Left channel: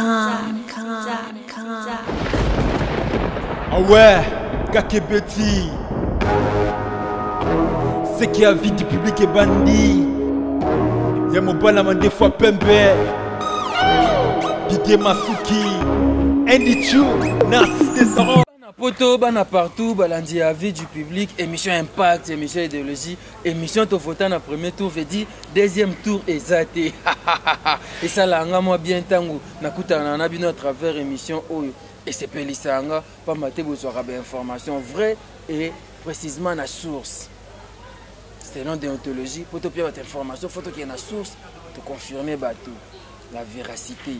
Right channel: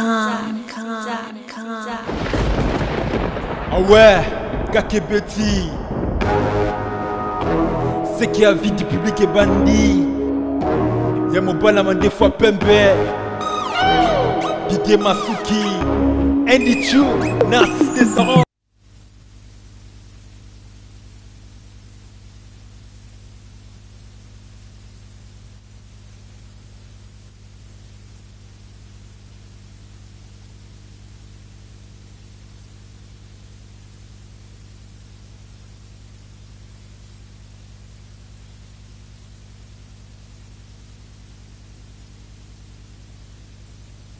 Ah ouais, Kakebeti. C'est qui a vie du public et bandit. Y'a mon balama des fois pembe. Didier Masuki. Andy Chou, Narcisse Desarons. Poto, bana partout, balandi à vie du public, émission Impact, émission idéologie, émission Tofota na premier tour, veut dire deuxième tour exacté. Et ça là, moi bien tango, nakuta na nabino à travers émission Oyo. Et c'est Pelisanga, pas maté vous aurez des informations vraies et précisément la source. C'est nom déontologie, poto bien votre information, photo qui est la source, te confirmer bateau, la véracité.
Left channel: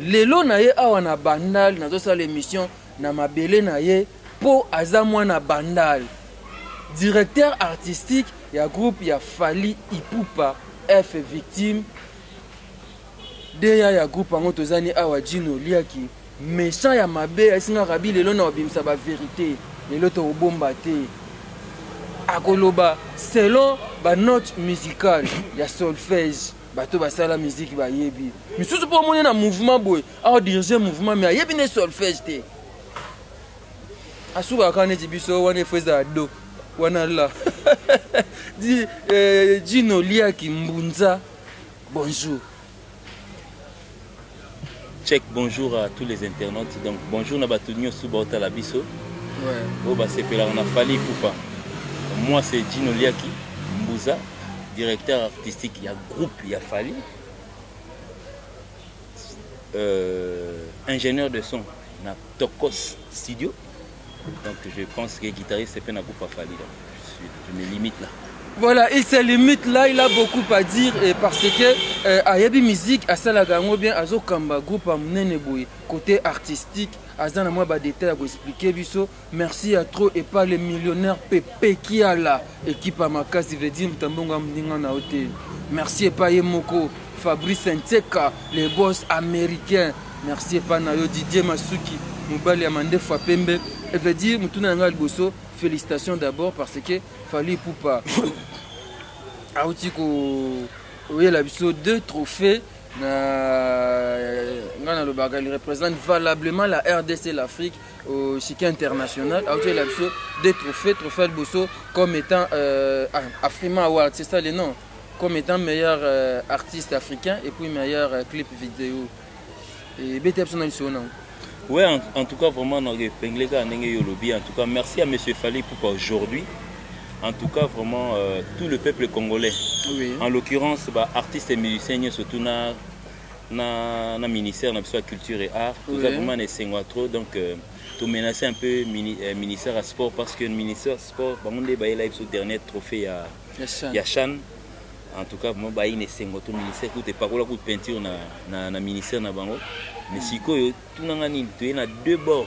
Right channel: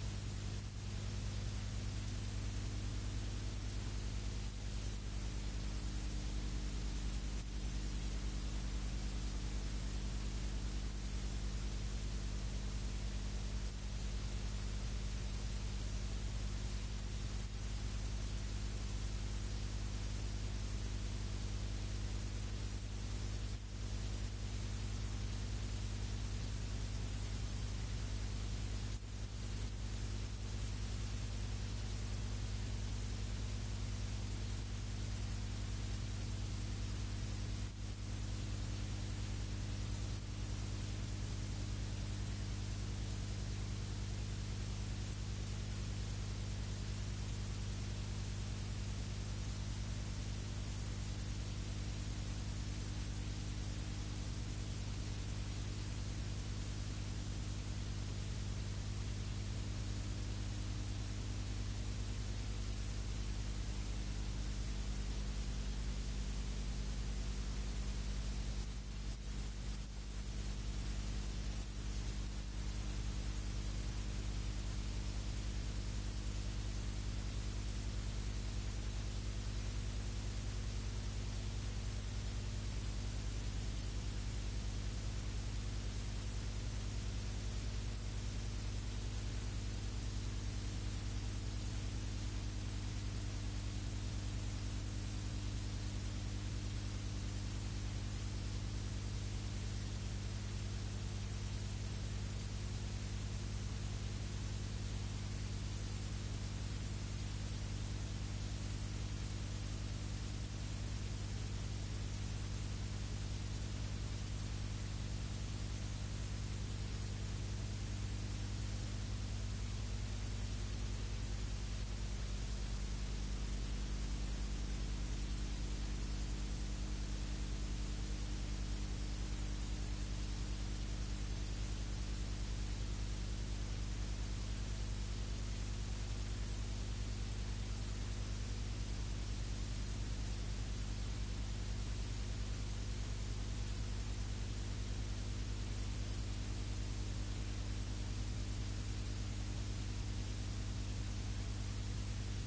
Lelo na ye awa na bandal, na dosa l'émission. Na mabele na ye po aza mwana bandal directeur artistique ya groupe ya Fally Ipupa F victime deya ya groupe ango tozani awa Jino Liaki méchant ya mabe asinga rabi lelo na obimisa ba vérité lelo to obomba te akoloba selon ba note musicale ya solfège bato basala musique ba yebi misusu po mona na mouvement boy a diriger mouvement mais yebi ne solfège te Asuba kane jibiso wane feza do wana la di Jino Liaki Mbunza bonjour. Check bonjour à tous les internautes. Donc bonjour na batunyo subota la biso. Ouais. Oh bah c'est pela on a Fally Ipupa. Moi c'est Jino Liaki Mbunza, directeur artistique il y a groupe il y a Fally. Ingénieur de son na Tokos Studio. Donc je pense que guitariste c'est pas un groupe à Fally. Je me limite là. Voilà, il se limite là, il a beaucoup à dire et parce que à Yabi Musique, à Salagango bien, à Zokamba, groupe à Mneneboui, côté artistique, à Zana moi ba détail à vous expliquer biso. Merci à trop et pas les millionnaires Pépé qui a là, équipe à Makasi veut dire Mtambonga Mdinga na hôtel. Merci et pas Yemoko, Fabrice Nteka, les boss américains. Merci et pas Nayo Didier Masuki, Moubali Amande Fapembe. Et veut dire Mutuna Ngal Bosso, félicitations d'abord parce que Fally Ipupa a aussi deux trophées. Il représente valablement la RDC, l'Afrique au chiquet international. A aussi deux trophées, trophée de Bosso comme étant Afrima Award, c'est ça le nom, comme étant meilleur artiste africain et puis meilleur clip vidéo. Et BTF son nom. Ouais, en tout cas, vraiment, en tout cas, merci à M. Fally Ipupa aujourd'hui. En tout cas, vraiment, tout le peuple congolais. Oui. En l'occurrence, bah, artistes et musiciens, surtout dans le ministère de la Culture et Art. Tout ça, vraiment, trop. Donc, tout menacer un peu le ministère à sport parce que le ministère sport, bah, on a eu le dernier trophée à Yachan. En tout cas, moi, bah, il y a tout ministère, tout est pas là pour peinture dans le ministère na bango. Mais si tout le monde a deux bords,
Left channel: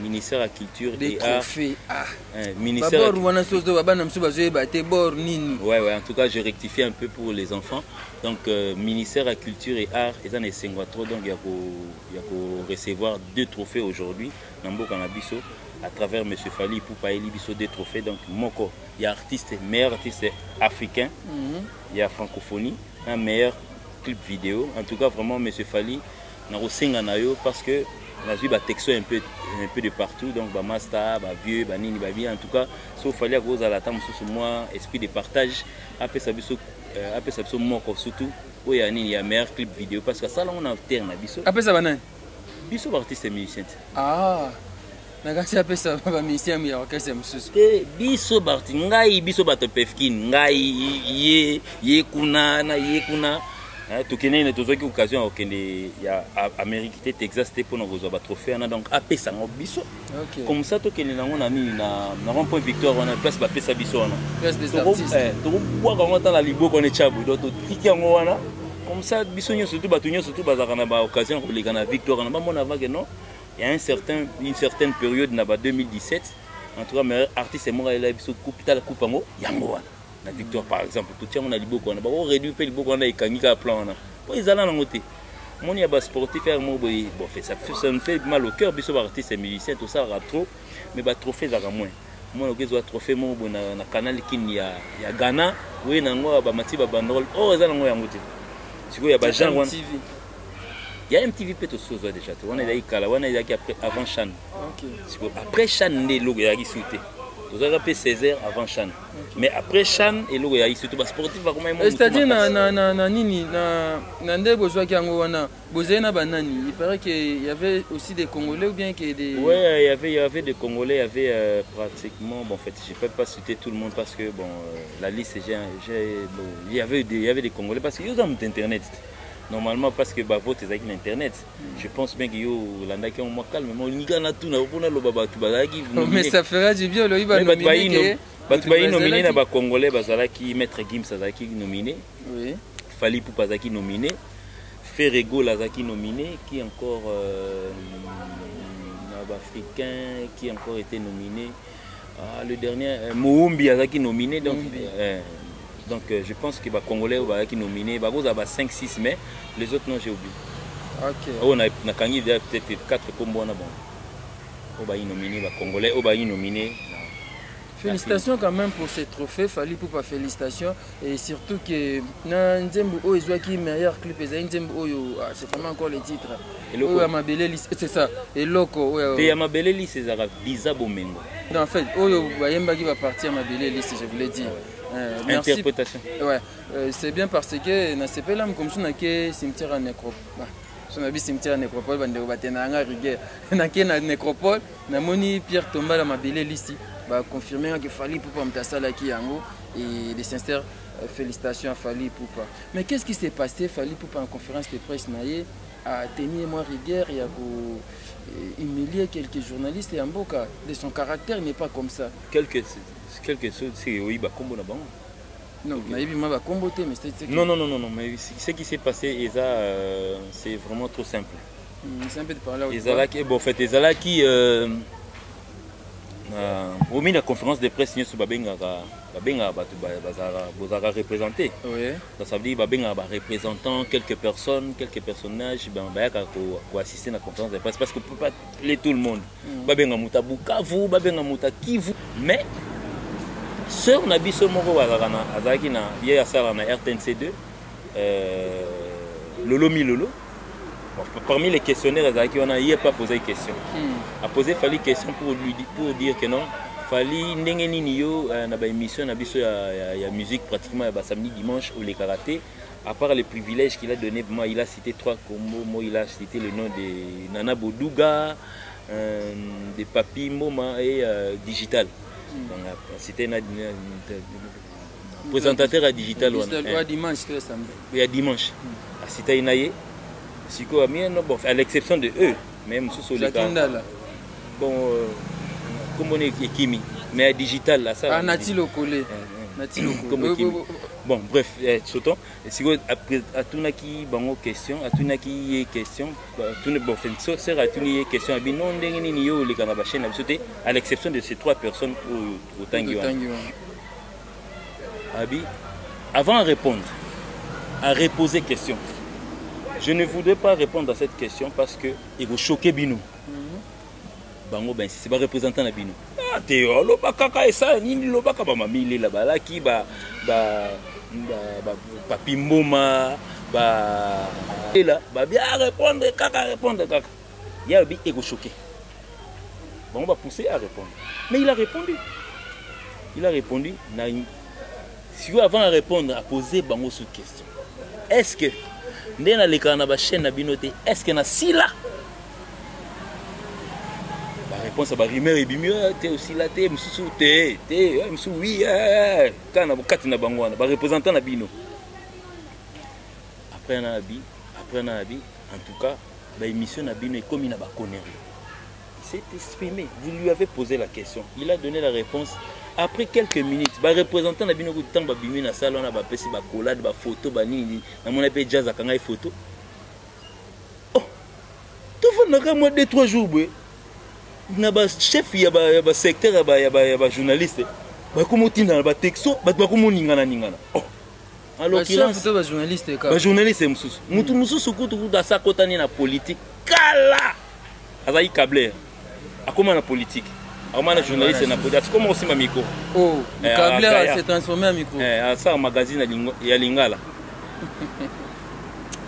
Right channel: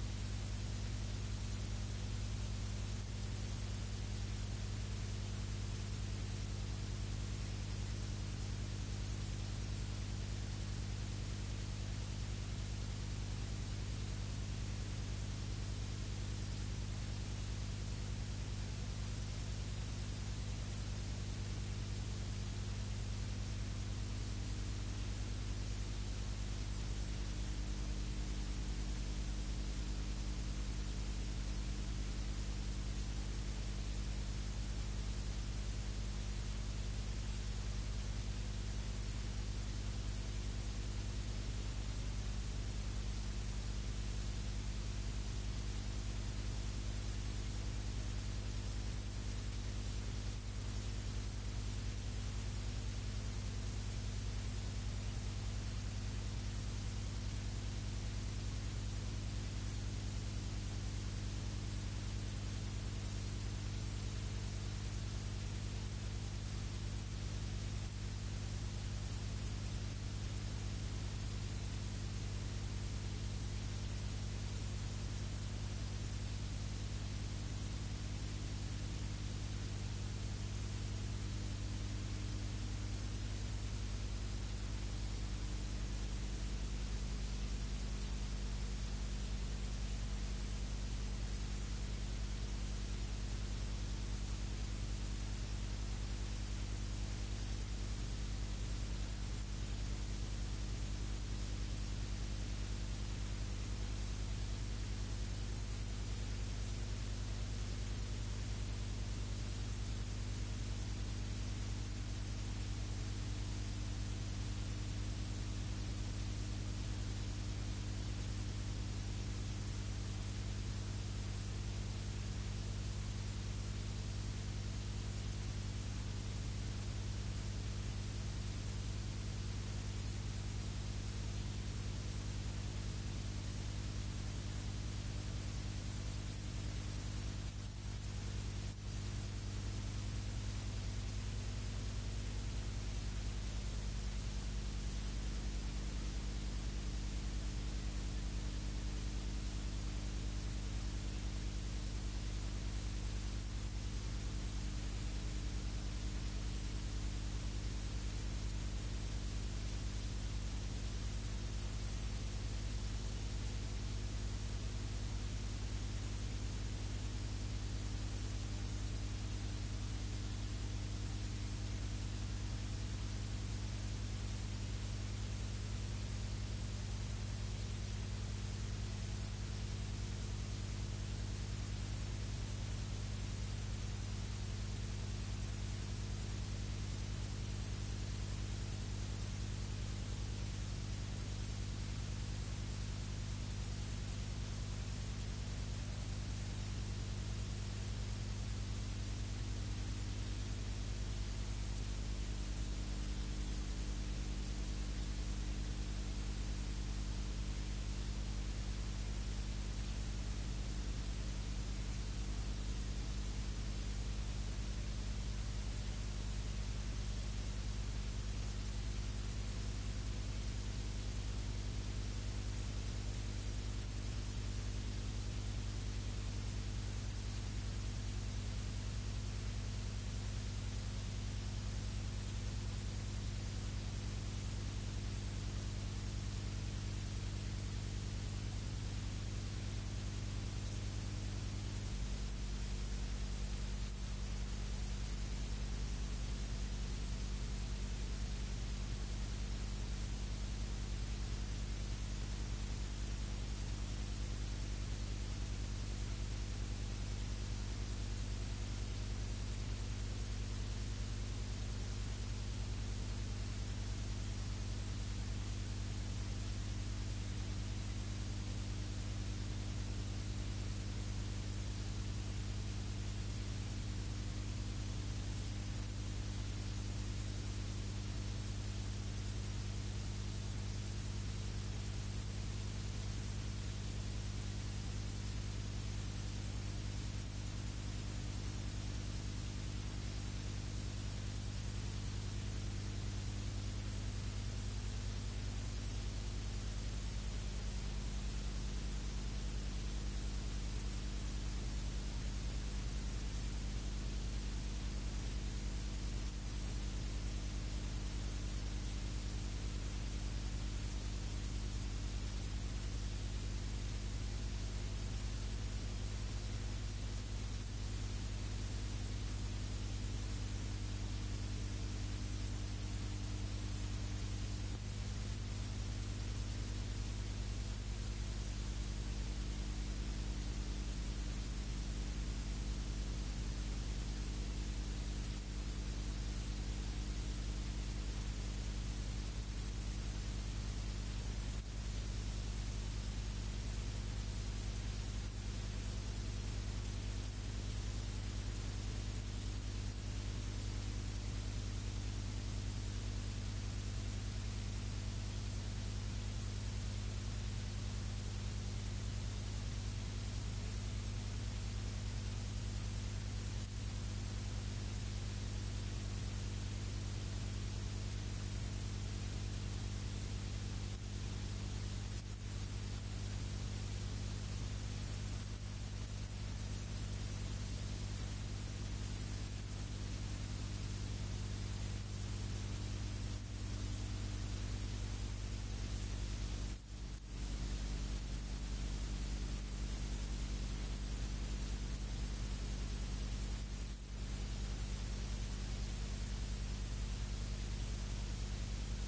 ministère de la Culture et Art. Ministère ouais, en tout cas, je rectifie un peu pour les enfants. Donc, ministère de la Culture et Art, ils ont des trop, donc il y a pour recevoir deux trophées aujourd'hui. À travers M. Fally Ipupa, il y a deux trophées. Donc, Moko, il y a meilleur artiste africain, il y a francophonie, un meilleur clip vidéo. En tout cas, vraiment, M. Fally, parce que la vie va texto un peu de partout, donc bah master, bah vieux, bah nini, bah bien. En tout cas, sauf fallait que vous à la table sur moi, esprit de partage. Après ça, surtout où il y a meilleur clip vidéo parce que ça là on alterne biso. Après ça va non. Biso artiste et musicien. Ah. Nagasi après ça va musicien mais orchestre mususu. Biso artiste, ngai biso bato pefkin, ngai ye kuna na ye kuna. Tokene na tozoki occasion okende ya Amérique Texas te pour nous avoir trophée donc apesa ngo biso comme ça tokene nango na nini na rond-point Victoire on a place ba pesa biso wana place des artistes to kwa quand on a liboko ne chabu donc tiki ngo wana comme ça biso nyo surtout batunyo surtout bazaka na ba occasion ko leka na Victoire na ba mona va que non il y a une certaine période na ba 2017 en tout cas meilleur artiste moi il a biso coupe ta la coupe ngo yango wana la Victoire par exemple tout tient on a liboko on a réduit peu liboko on a ikangika plan on a bon ils allaient en côté mon y a bas sportif faire mo bon ça me fait mal au cœur biso artiste et musicien tout ça ra trop mais ba trophée za moins moi le zo trophée mo bon na canal kin ya Ghana oui nango ba mati ba bandrol oh za nango yango te siko ya ba Jean Il y a MTV peut être chose déjà. On est là, on est après avant Chan. Ok. Après Chan, les logo y a sauté. Vous avez appelé 16h avant Chan. Mais après Chan, et logo y a sauté. Sportif va comment c'est-à-dire na nini na ndé bozwa kiango wana bozena banani. Il paraît qu'il y avait aussi des Congolais ou bien que des. Ouais, il y avait des Congolais, il y avait pratiquement, bon, en fait, je ne peux pas citer tout le monde parce que bon, la liste, bon, il y avait des Congolais parce qu'ils ont internet. Normalement parce que bah vote avec l'internet. Je pense bien que yo landa qui on moi calme mais on y a tout na pour le baba tu bazaki. Mais ça fera du bien le iba nominé. Batbayi nominé na ba Congolais bazalaki Maître Gims Azaki nominé. Oui. Fally Ipupa Zaki nominé. Ferrego Lazaki nominé qui encore africain qui a encore été nominé. Le dernier Moumbi Azaki nominé donc je pense que les Congolais qui sont nominés, bah, 5-6 mais les autres non j'ai oublié. Ok. On a peut-être 4 combos bon. On va nominer les Congolais, on va nominer. Félicitations quand même pour ces trophées, Fally Ipupa félicitations et surtout que na Nzembo Oyo qui meilleur clip et Nzembo Oyo c'est vraiment encore les titres. Oyo Amabele c'est ça. Et Loko et Amabele c'est ça Biza Bomengo. Non en fait Oyo Bayemba qui va partir Amabele je voulais dire. Merci. Interprétation. Ouais, c'est bien parce que na sepela comme ça na ke cimetière à nécropole. On a vu cimetière à nécropole bande batenanga rigueur. Na ke na nécropole na moni Pierre Tomba la Mabele ici. Bah confirmer que Fally Ipupa mtasala ki yango et de sincères félicitations à Fally Ipupa. Mais qu'est-ce qui s'est passé Fally Ipupa en conférence de presse naie a tenu moi rigueur et a humilié quelques journalistes et en boca de son caractère n'est pas comme ça. Quelque chose c'est oui bah combo là-bas. Non, mais non, mais ce qui s'est passé, c'est vraiment trop simple. C'est un peu de parler bon, en fait, qui au milieu de la conférence de presse, nous avons représenté. Ça veut dire que représentants, quelques personnes, quelques personnages pour assister à la conférence de presse parce qu'on ne peut pas appeler tout le monde. Mais sœur Nabiso Moro Azaki na hier à na RTNC2 Lolo Milolo. Parmi les questionnaires Azaki on a hier pas posé de question. A posé Fally question pour dire que non Fally ndenge nini yo na ba émission na biso ya musique pratiquement ya samedi dimanche ou les karaté à part les privilèges qu'il a donné moi il a cité 3 combos moi il a cité le nom de Nana Boduga de Papi Moma et Digital. C'était un présentateur à Digital. Il y a dimanche. C'était Inaye. À l'exception de eux, même sous les cas. Bon, comme on est Kimi. Mais à Digital, là, ça. Natilo Collé. Bon, bref, sautons. Si vous avez une question, à tout qui question, à l'exception de ces 3 personnes au Tanguy. Avant de répondre, à reposer question, je ne voudrais pas répondre à cette question parce que il va choquer Binou. Bango ben c'est pas représentant na Binou. Ah Théo, lo bakaka esa nini lo baka ba mamile la bala ki ba Papi Mboma et là bien répondre kaka. Il y a bi ego choqué. Bon, on va pousser à répondre. Mais il a répondu. Si vous avant de répondre à poser bango cette question. Est-ce que ndena le kana ba chaîne na binoté est-ce que na sila réponse à rumeur et bimio t'es aussi là t'es msusu t'es msusu oui kana bokati na bango na ba représentant na bino après na abi en tout cas la émission na bino est comme na ba connerie s'est exprimé vous lui avez posé la question il a donné la réponse après quelques minutes ba représentant na bino ko tamba bimi na salon na ba pesi ba collade ba photo ba nini na mona pe jazz akanga photo oh tout va na moi 2-3 jours boy na ba chef ya ba secteur ya ba journaliste ba komotina ba texto ba komoningana oh alors qu'il a ba journaliste ba journaliste mususu mutu mususu kutu da sa kotani na politique kala azai câble akoma na politique akoma na journaliste na politique comment aussi ma micro oh le câble s'est transformé en micro ça un magazine ya Lingala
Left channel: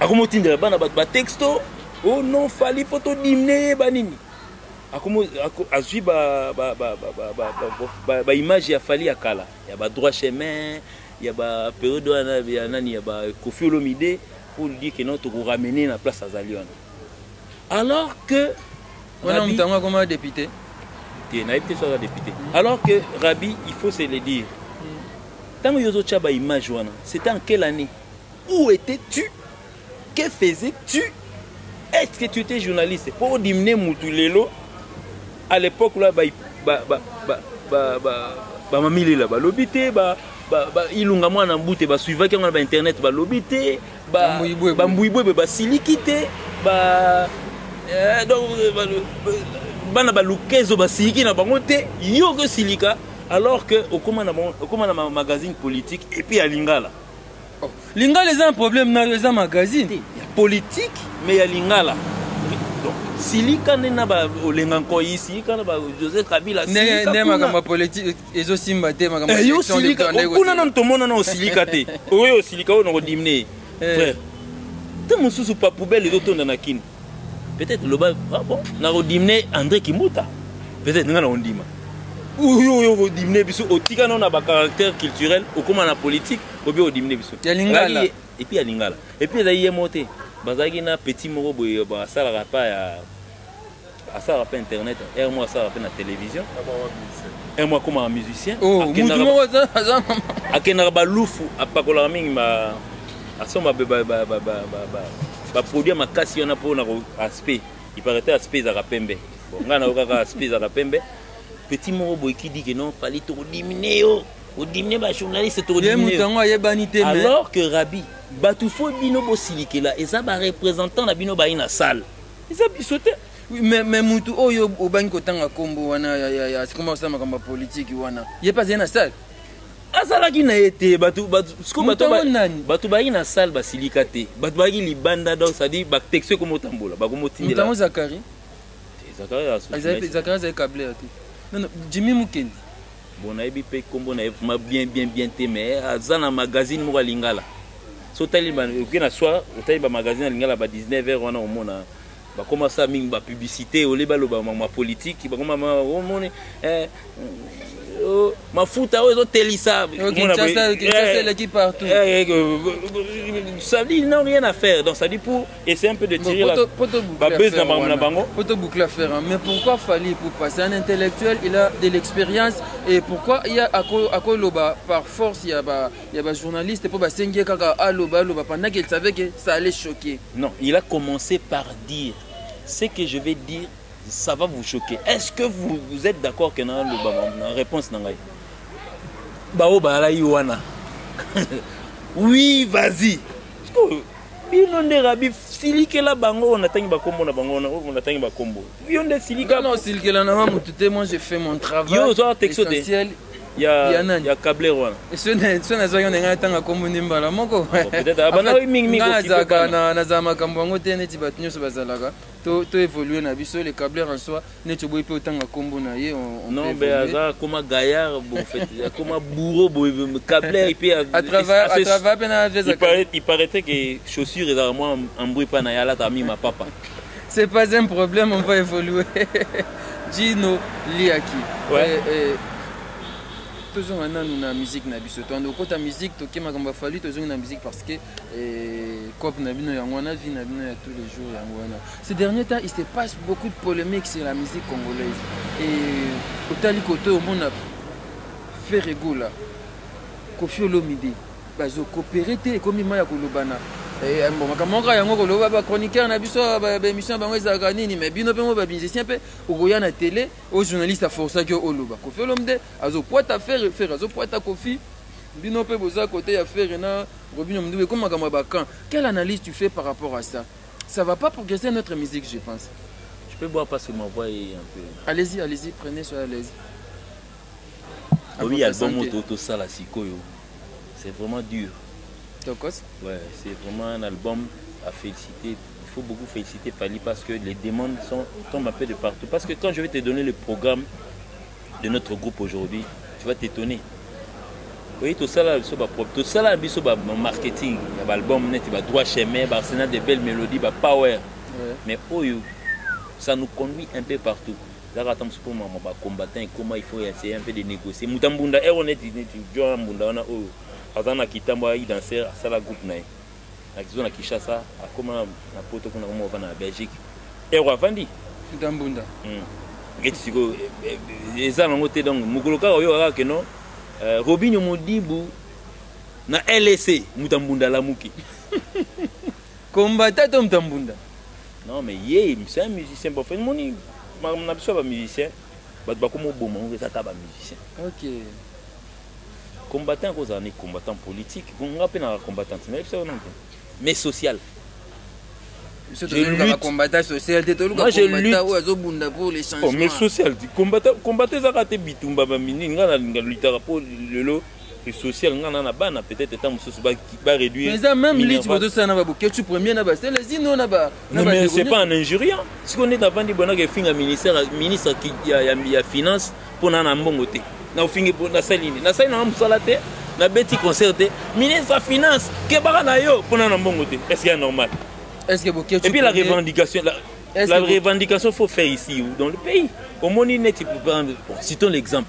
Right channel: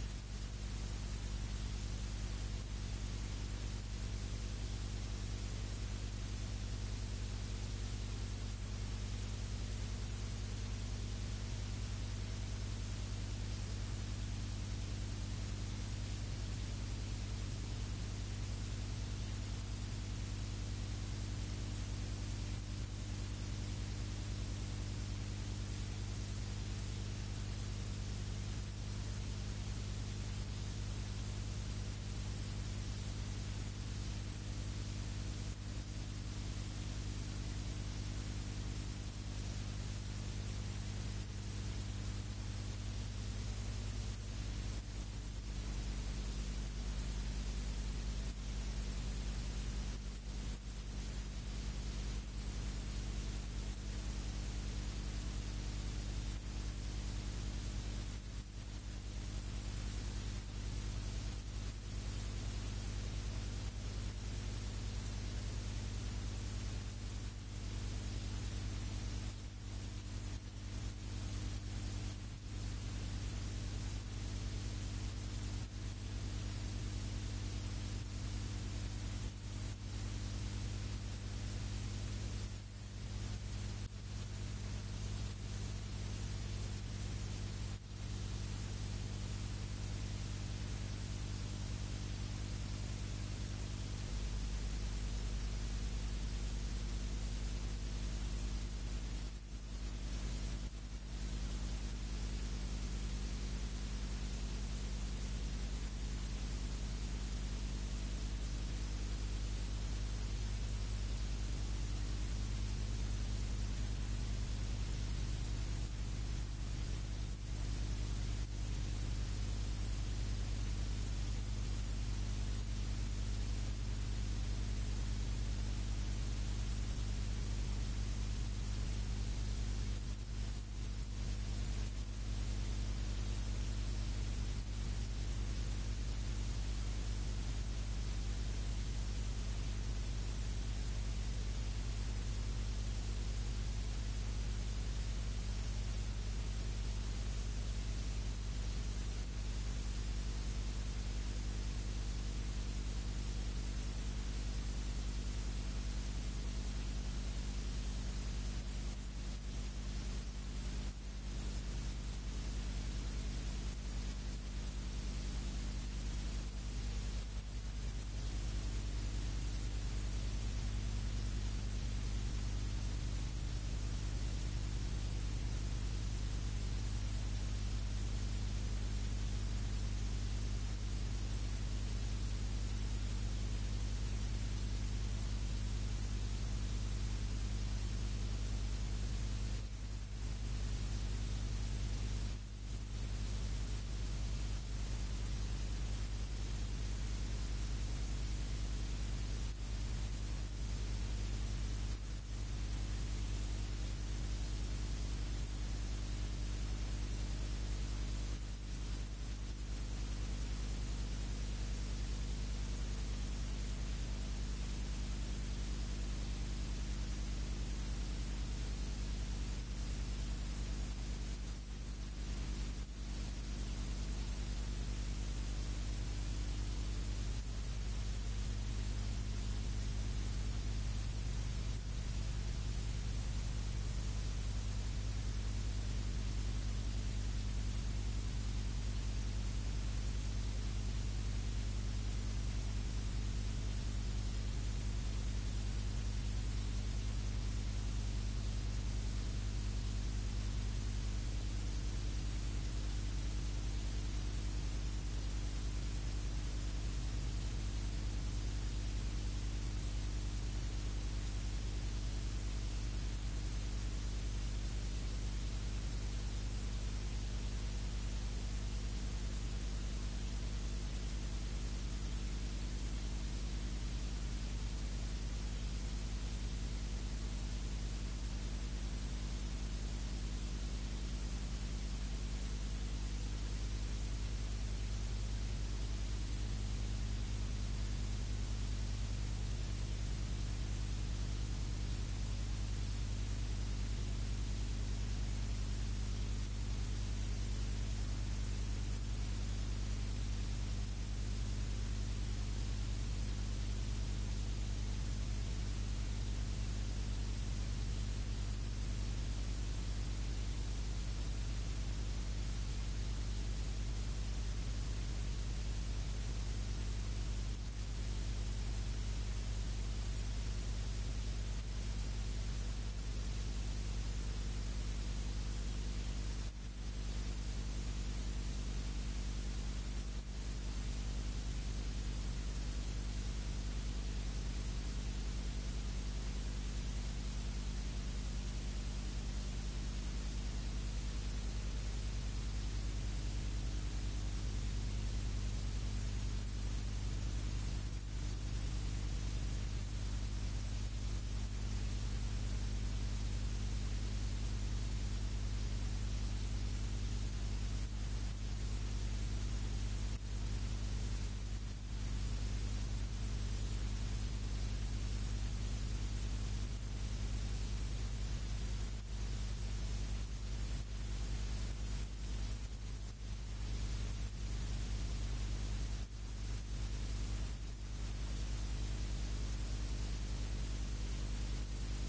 akomotinda bana ba texto oh non fali photo dimné banini azwi ba image ya fali ya kala ya ba droit chemin ya ba période ya nani ya ba Koffi Olomide pour dire que non to ramener na place azali wana alors que on a comme député député. Alors que Rabi, il faut se le dire. Tant que Yozo Tchaba image, c'était en quelle année? Où étais-tu? Que faisais-tu? Est-ce que tu étais journaliste? Pour diminuer Moutulelo, à l'époque, là, mamile là, l'obité, ilunga mwana mbute, suivant qu'on a internet, l'obité, mbouiboué, silikité, donc bana balukezo basiliki na bango te yo ko silika alors que okoma na magazine politique et puis à Lingala. Oh, Lingala c'est un problème dans les magazines politique mais ya Lingala. Donc silika nena ba olenga ko ici kana ba José Kabila silika ne magamba politique ezo simba te magamba yo silika okuna na ntomona na osilika te oyo osilika o no dimné frère te mususu pa poubelle ezo tonda na kini. Peut-être le bas, ah bon, na rodimné André Kimbuta. Peut-être nga na ondima. Ou dimné biso otika non na ba caractère culturel, ou comme na politique, ou bien odimné biso. Ya Lingala. Et puis ya Lingala. Et puis là yé monté. Bazaki na petit moko boy ba sala rapa ya asala rapa internet, et moi ça rapa na télévision. Et moi comme un musicien. Oh, mutu moko za. Akena ba lufu apakola mingi ma asoma ba produit makasi on a pour aspect il paraît aspect za rapembe bon ngana okaka aspect za rapembe petit moro boy qui dit que non fallait to diminuer au diminuer ba journaliste to diminuer alors que Rabi batu fo bino bo silikela eza ba représentant na bino ba ina salle eza bisote mais mutu oyo obangi kotanga kombo wana ya comment ça makamba politique wana il pas na salle azalaki na ete batu baki na salle basilika te batu baki libanda donc ça dit ba texte comme otambola ba komotindela Mutango Zakari Zakari câblé non Jimmy Mukendi bon na ebi pe kombo na bien te mais azana magazine mo Lingala so tali ba na soir tali ba magazine Lingala ba 19h wana omona ba commencer mingi ba publicité au leba lo ba ma politique ba koma omone mafuta oyo ezotelisa l'équipe partout ça dit non rien à faire donc ça dit pour essayer un peu de tirer la base na bango poto boucler à faire mais pourquoi fallait pour passer un intellectuel il a de l'expérience et pourquoi il y a à loba par force il y a ba journaliste pour ba sengie kaka aloba pendant qu'il savait que ça allait choquer non il a commencé par dire ce que je vais dire ça va vous choquer. Est-ce que vous êtes d'accord que dans la réponse n'a pas oui, vas-y. Binonde Rabi silike la bango on attend ba kombo na bango on attend ba kombo. Bionde silika non silike la na mutute moi j'ai fait mon travail. Yo zo texto de. Il y a câblé wana. Et ce n'est pas nga tanga kombo nimbala moko. Peut-être abana mingi na zama kambo ngo te neti batunyo so bazalaka. To évoluer na biso les câbleurs en soi neti boy pe otanga kombo na ye on non mais aza comme gaillard bon fait comme bourreau boy câbleur et puis à travers pena il paraît que chaussures et moi embrouille pas na yala ta mi ma papa. C'est pas un problème on va évoluer. Gino Liaki. Ouais. Toujours maintenant nous na musique na biso to ndo kota musique to kema kamba fali toujours na musique parce que cop na bino yango na vie na bino ya tous les jours yango na ces derniers temps il se passe beaucoup de polémiques sur la musique congolaise et otali koto au monde fait régola Koffi Olomide bazo coopérer te comme ma ya kolobana bon makamoko yango koloba ba chroniqueur na biso ba émission bango ezaka nini mais bino pe mo ba musicien pe okoya na télé au journaliste a forcé que oloba Koffi Olomide azo poita faire azo poita Koffi bino pe boza côté ya faire na Robinho Mdoué comme makamoko ba quand quelle analyse tu fais par rapport à ça ça va pas progresser notre musique je pense je peux boire parce que ma voix est un peu allez-y prenez soyez à l'aise oui album auto ça la sikoyo c'est vraiment dur. Ouais, c'est vraiment un album à féliciter. Il faut beaucoup féliciter Fally parce que les demandes tombent un peu de partout. Parce que quand je vais te donner le programme de notre groupe aujourd'hui, tu vas t'étonner. Oui, tout ça là, tout ça là, marketing, l'album net, il va droit chemin, arsenal de belles mélodies, power. Mais ça nous conduit un peu partout. Là, attends, pour moi, combattant, comment il faut essayer un peu de négocier. Moutambunda, on est dit, on a Azana Kitamba, il dansait à la groupe. On a Kishasa, à comment la poto qu'on a en Belgique. Et on a vendu. Moutambunda. Et ça, on a donc, Moukoloka, on a que non. Robinho Modibu, na LSC, Moutambunda la Mouki. Combattant Tom Tambunda. Non, mais c'est un musicien. Pour faire mon je suis un musicien. Je suis un musicien. Ok. Combattant, combattant politique. Combattant, mais social. Moi, je lutte pour les changements. Mais social. Combattant, ça a été bitumba. Social, peut-être va réduire. Mais ça même lutte pour tout ça, tu premier c'est les îles, non, mais c'est pas un injuriant. Si on est devant des bonheurs qui finissent ministre qui a finance pour n'en avoir côté. Na fingi pour na saline. Na saline na salate, na beti concerté. Ministre de finance que bara yo pour n'en avoir côté. Est-ce que c'est normal? Est-ce que et puis la revendication la revendication faut faire ici ou dans le pays. Au moins il net pour prendre citons l'exemple.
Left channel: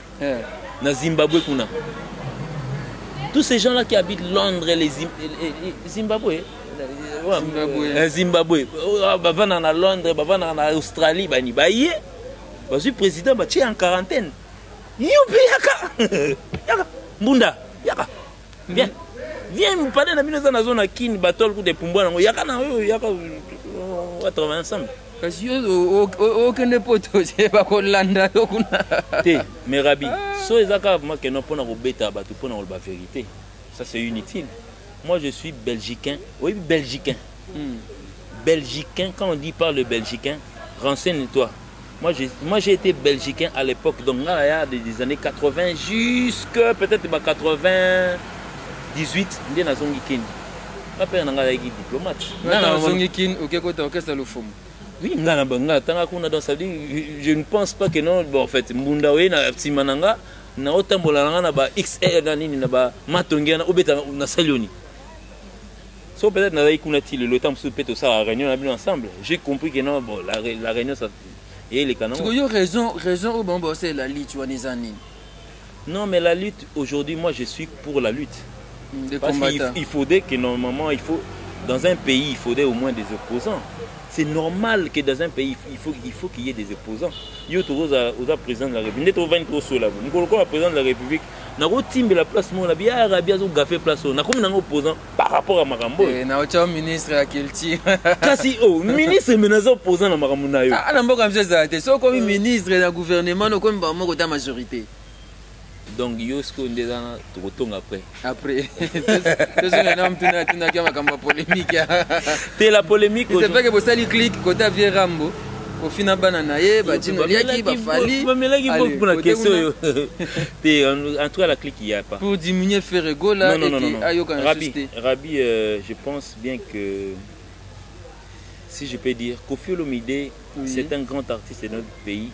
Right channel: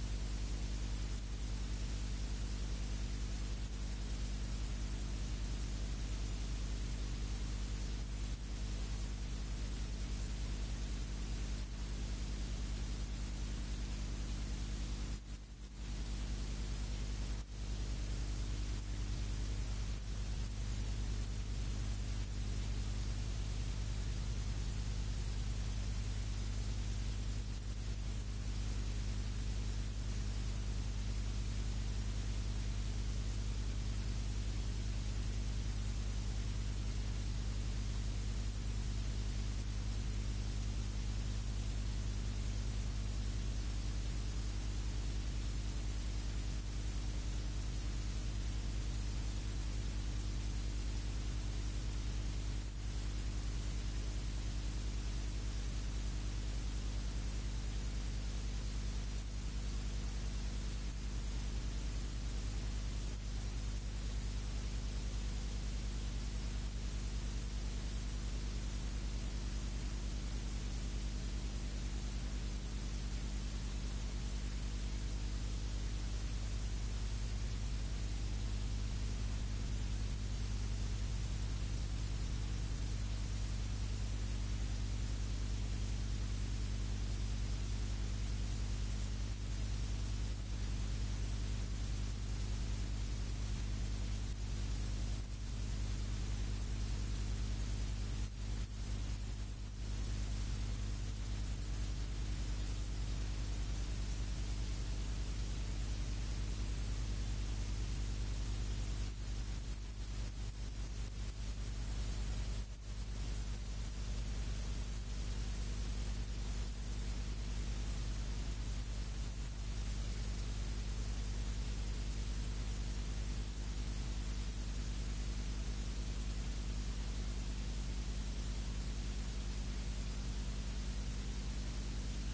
Na Zimbabwe kuna. Tous ces gens-là qui habitent Londres et les Zimbabwe. Zimbabwe. Bavana à Londres, bavana en Australie, bani baye. Parce président est en quarantaine. Youpi yaka. Yaka. Mbunda. Yaka. Viens. Viens nous parler dans la zone à Kin, battle pour des pumbouans. Yaka na yaka. On va travailler ensemble. Parce que aucun pote, c'est pas qu'on landa. Mais Rabi, so ezaka moi que non pour na robeta ba pour na la vérité. Ça c'est inutile. Moi je suis belgicain. Oui, belgicain. Belgicain, quand on dit par le belgicain, renseigne-toi. Moi j'ai été belgicain à l'époque, donc là il y a des années 80 jusqu'à peut-être 98, on est dans Zongi Kin. Ma père n'a pas été diplomate. Dans Zongi Kin, ok, côté orchestre le fond. Oui, je ne pense pas que non. Bon, en fait, Mbunda we na Timananga na otambola na ba XR na nini na ba matongi na obeta na salioni. So peut-être na ikuna ti le temps sous peut-être ça réunion on a ensemble. J'ai compris que non, bon la réunion ça et les canons. Tu as raison au bon c'est la lutte wanizani. Non, mais la lutte aujourd'hui moi je suis pour la lutte. Parce qu'il faudrait que normalement dans un pays il faudrait au moins des opposants. C'est normal que dans un pays, il faut qu'il y ait des opposants. Il y a au président de la République. Nous sommes le président de la République. Nous avons la place, nous avons fait place. Nous avons un opposant par rapport à Marambo. Nous avons un ministre à Kilti. Kasi, ministre est opposant à Marambo. Ah, nous avons un ministre dans le gouvernement, nous avons une majorité. Donc, il y a ce qu'on est dans après. Après. C'est une polémique. C'est la polémique. C'est vrai que vous allez cliquer côté Vieux Rambo. Au final, banana, badino liaki, bafali. En tout cas, la clique, il n'y a pas. Pour diminuer Ferrego, là, non. Rabi, je pense bien que, si je peux dire, Koffi Olomide, c'est un grand artiste de notre pays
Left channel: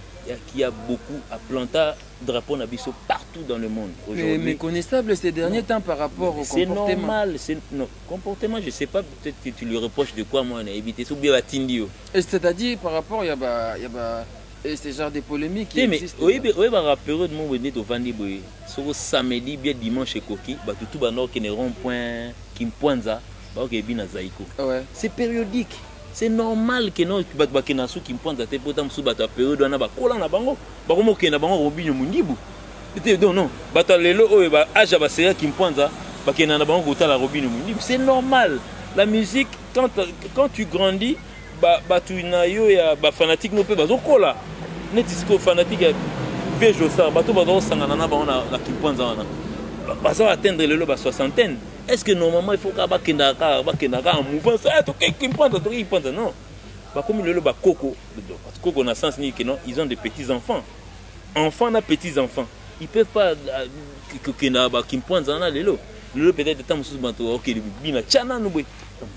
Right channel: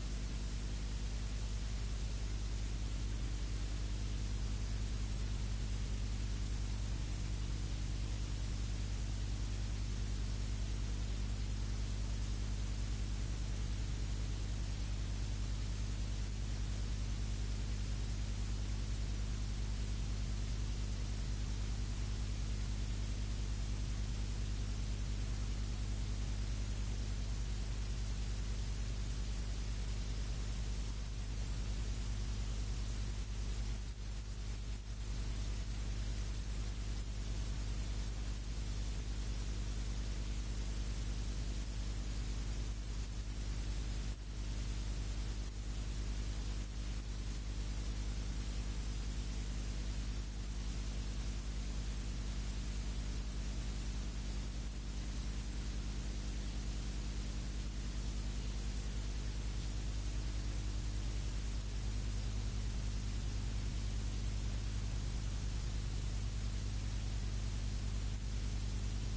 qui a beaucoup à planter drapeau Nabiso partout dans le monde aujourd'hui. Mais méconnaissable ces derniers temps par rapport au comportement. C'est normal, comportement, je ne sais pas, peut-être que tu lui reproches de quoi moi on a évité. C'est-à-dire par rapport, il y a ce genre de polémiques qui existent. Oui, la période où on est au Vandiboy, sur samedi, bien dimanche, Koki, tout le monde qui ne rond-point, qui me pointe ça, c'est périodique. C'est normal que non bakinasu qui pointe à tes potam sous bata période na ba kola na bango ba komo ke na bango Robinho Mundibu non bata lelo o ba aja ba série qui pointe ba ke na bango gota la Robinho Mundibu. C'est normal. La musique quand tu grandis ba tu na yo ya ba fanatique no pe ba zo kola net disco fanatique ya vejo ça ba to ba zo sangana na bango na qui pointe na ba ça atteindre lelo ba soixantaine. Est-ce que normalement il faut qu'il y ait un mouvement? Non. Comme le Coco, Coco n'a sens ni que non, ils ont des petits-enfants. Enfants n'a petits-enfants. Ils ne peuvent pas qu'ils pointent dans l'élo. Le peut-être temps sous banto, ok, il y a chana nous.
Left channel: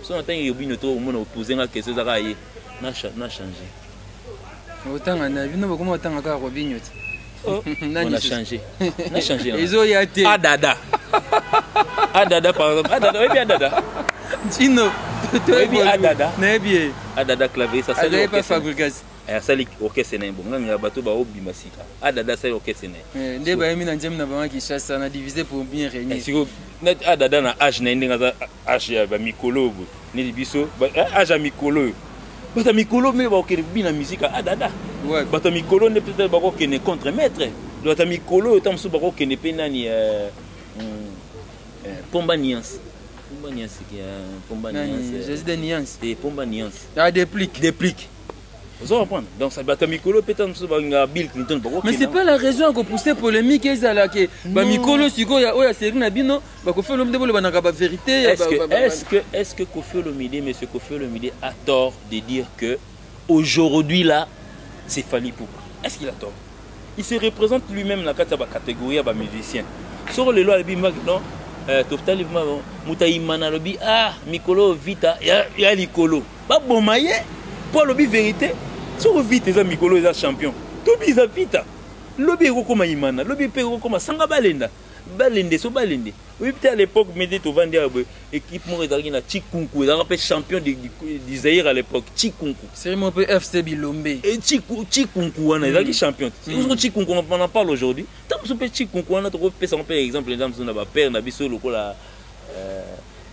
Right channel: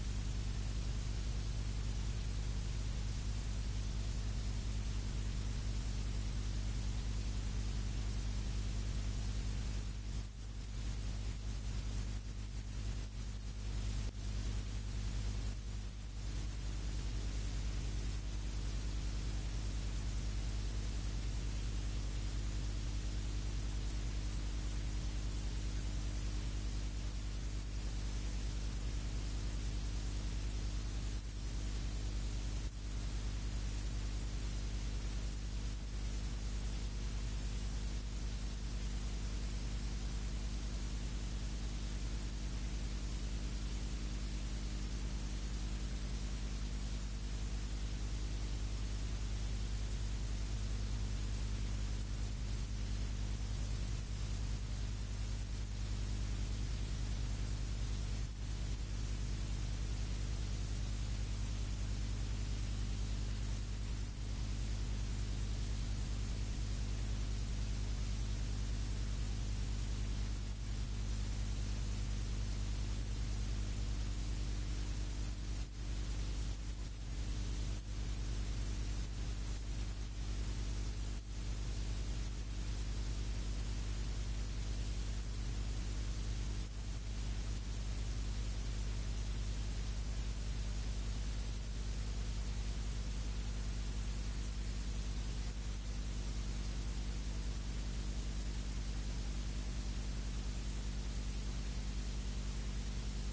Si on a eu une autre opposé à quelque chose n'a changé. Autant on a vu nous comment autant encore Robinho. On a changé. On a changé. Ils ont été. Adada par exemple. Adada, oui bien Adada. Gino. Adada. Nayebi. Adada clavier ça c'est pas fabrication. Ça les orchestre né bon nganga bato ba obima sika. Adada ça orchestre né. Ndé ba yemi na ndjem na ba ki chasse na diviser pour bien régner. Siko net Adada na âge na ndinga âge ya ba mikolo ni biso âge ya mikolo. Bata mikolo me ba okene bina musique Adada. Ouais. Bata mikolo ne peut-être ba okene contre maître. Bata mikolo tam so ba okene pe nani Pomba Nuance. Pomba Nuance qui est Pomba Nuance. Jésus de Nuance. Et Pomba Nuance. Ah, déplique. Vous allez comprendre. Donc ça va être Mikolo peut-être Bill Clinton. Mais c'est pas la raison qu'on pousse polémique et ça là que ba Mikolo siko ya oya série na bino ba ko fait l'homme de ba na ba vérité. Est-ce que Koffi Olomide, monsieur Koffi Olomide a tort de dire que aujourd'hui là c'est Fally Ipupa? Est-ce qu'il a tort? Il se représente lui-même dans la catégorie de musicien. Sur le loi non Toptali Moutaïmana lobi Mikolo vita ya Likolo. Ba bomaye pour lobi vérité. Sur vite les Mikolo les champion. Tobi za vita. Lobi eko koma imana, lobi pe eko koma sanga balenda. Balende so balende. Oui peut-être à l'époque Médé to vendre équipe mo ezalaki na Chikunku, ils ont champion du Zaïre à l'époque, Chikunku. C'est mon peu FC Bilombe. Et Chikunku wana ezalaki champion. Nous Chikunku on en parle aujourd'hui. Tant so pe Chikunku wana to pe son par exemple les gens na ba père na biso lokola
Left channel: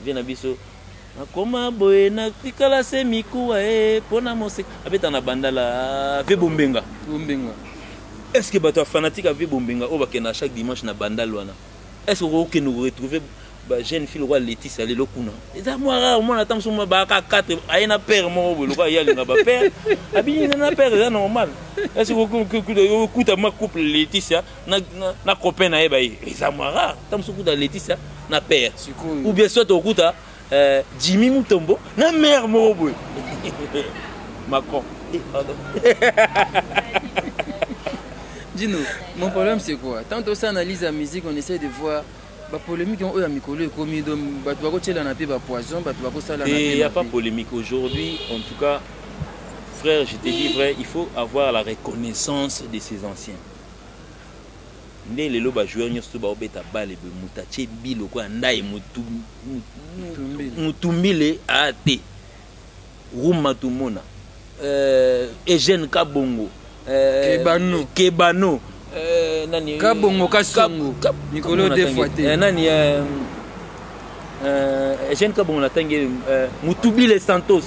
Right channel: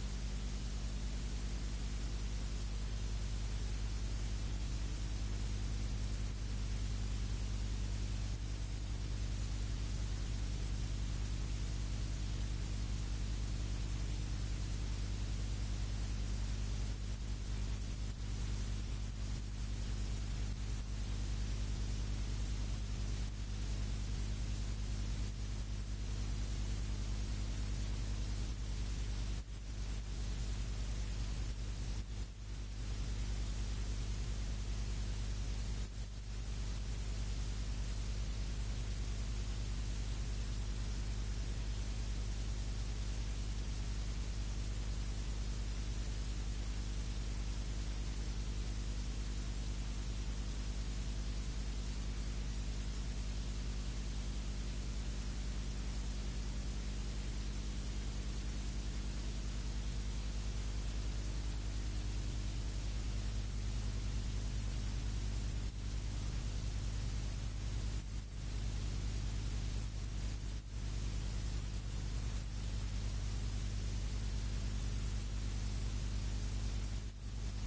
bien na biso. Akoma boye na fikala se mikuwa pona mose abeta na bandala ve bombenga. Est-ce que bato fanatique avec bombenga o bakena chaque dimanche na bandala wana? Est-ce que nous retrouver ba jeune fille roi Laetitia lelo kuna? Eza moi rare moi na tamso moi ba 4 ayena père mo bo loka ya linga ba père. Abi na père c'est normal. Est-ce que kuta ma couple Laetitia na copain na eba eza moi rare tamso kuta Laetitia na père. Ou bien soit au kuta Jimmy Mutombo, na mère Morobo. Macron. Dis-nous, mon problème c'est quoi? Tant on s'analyse la musique, on essaie de voir la polémique on a Mikolo et commis donc tu vas tirer la paix poison, tu vas ça la il n'y a pas polémique aujourd'hui, en tout cas frère, je te dis vrai, il faut avoir la reconnaissance de ses anciens. Les loba joueurs n'y sont pas au bêta balle et mutaché bilo quoi ndaï mutumbile ate Ruma Tumona Eugène Kabongo Kebano nani Kabongo Kasongo Mikolo Defoité nani Eugène Kabongo na tangi Mutubile Santos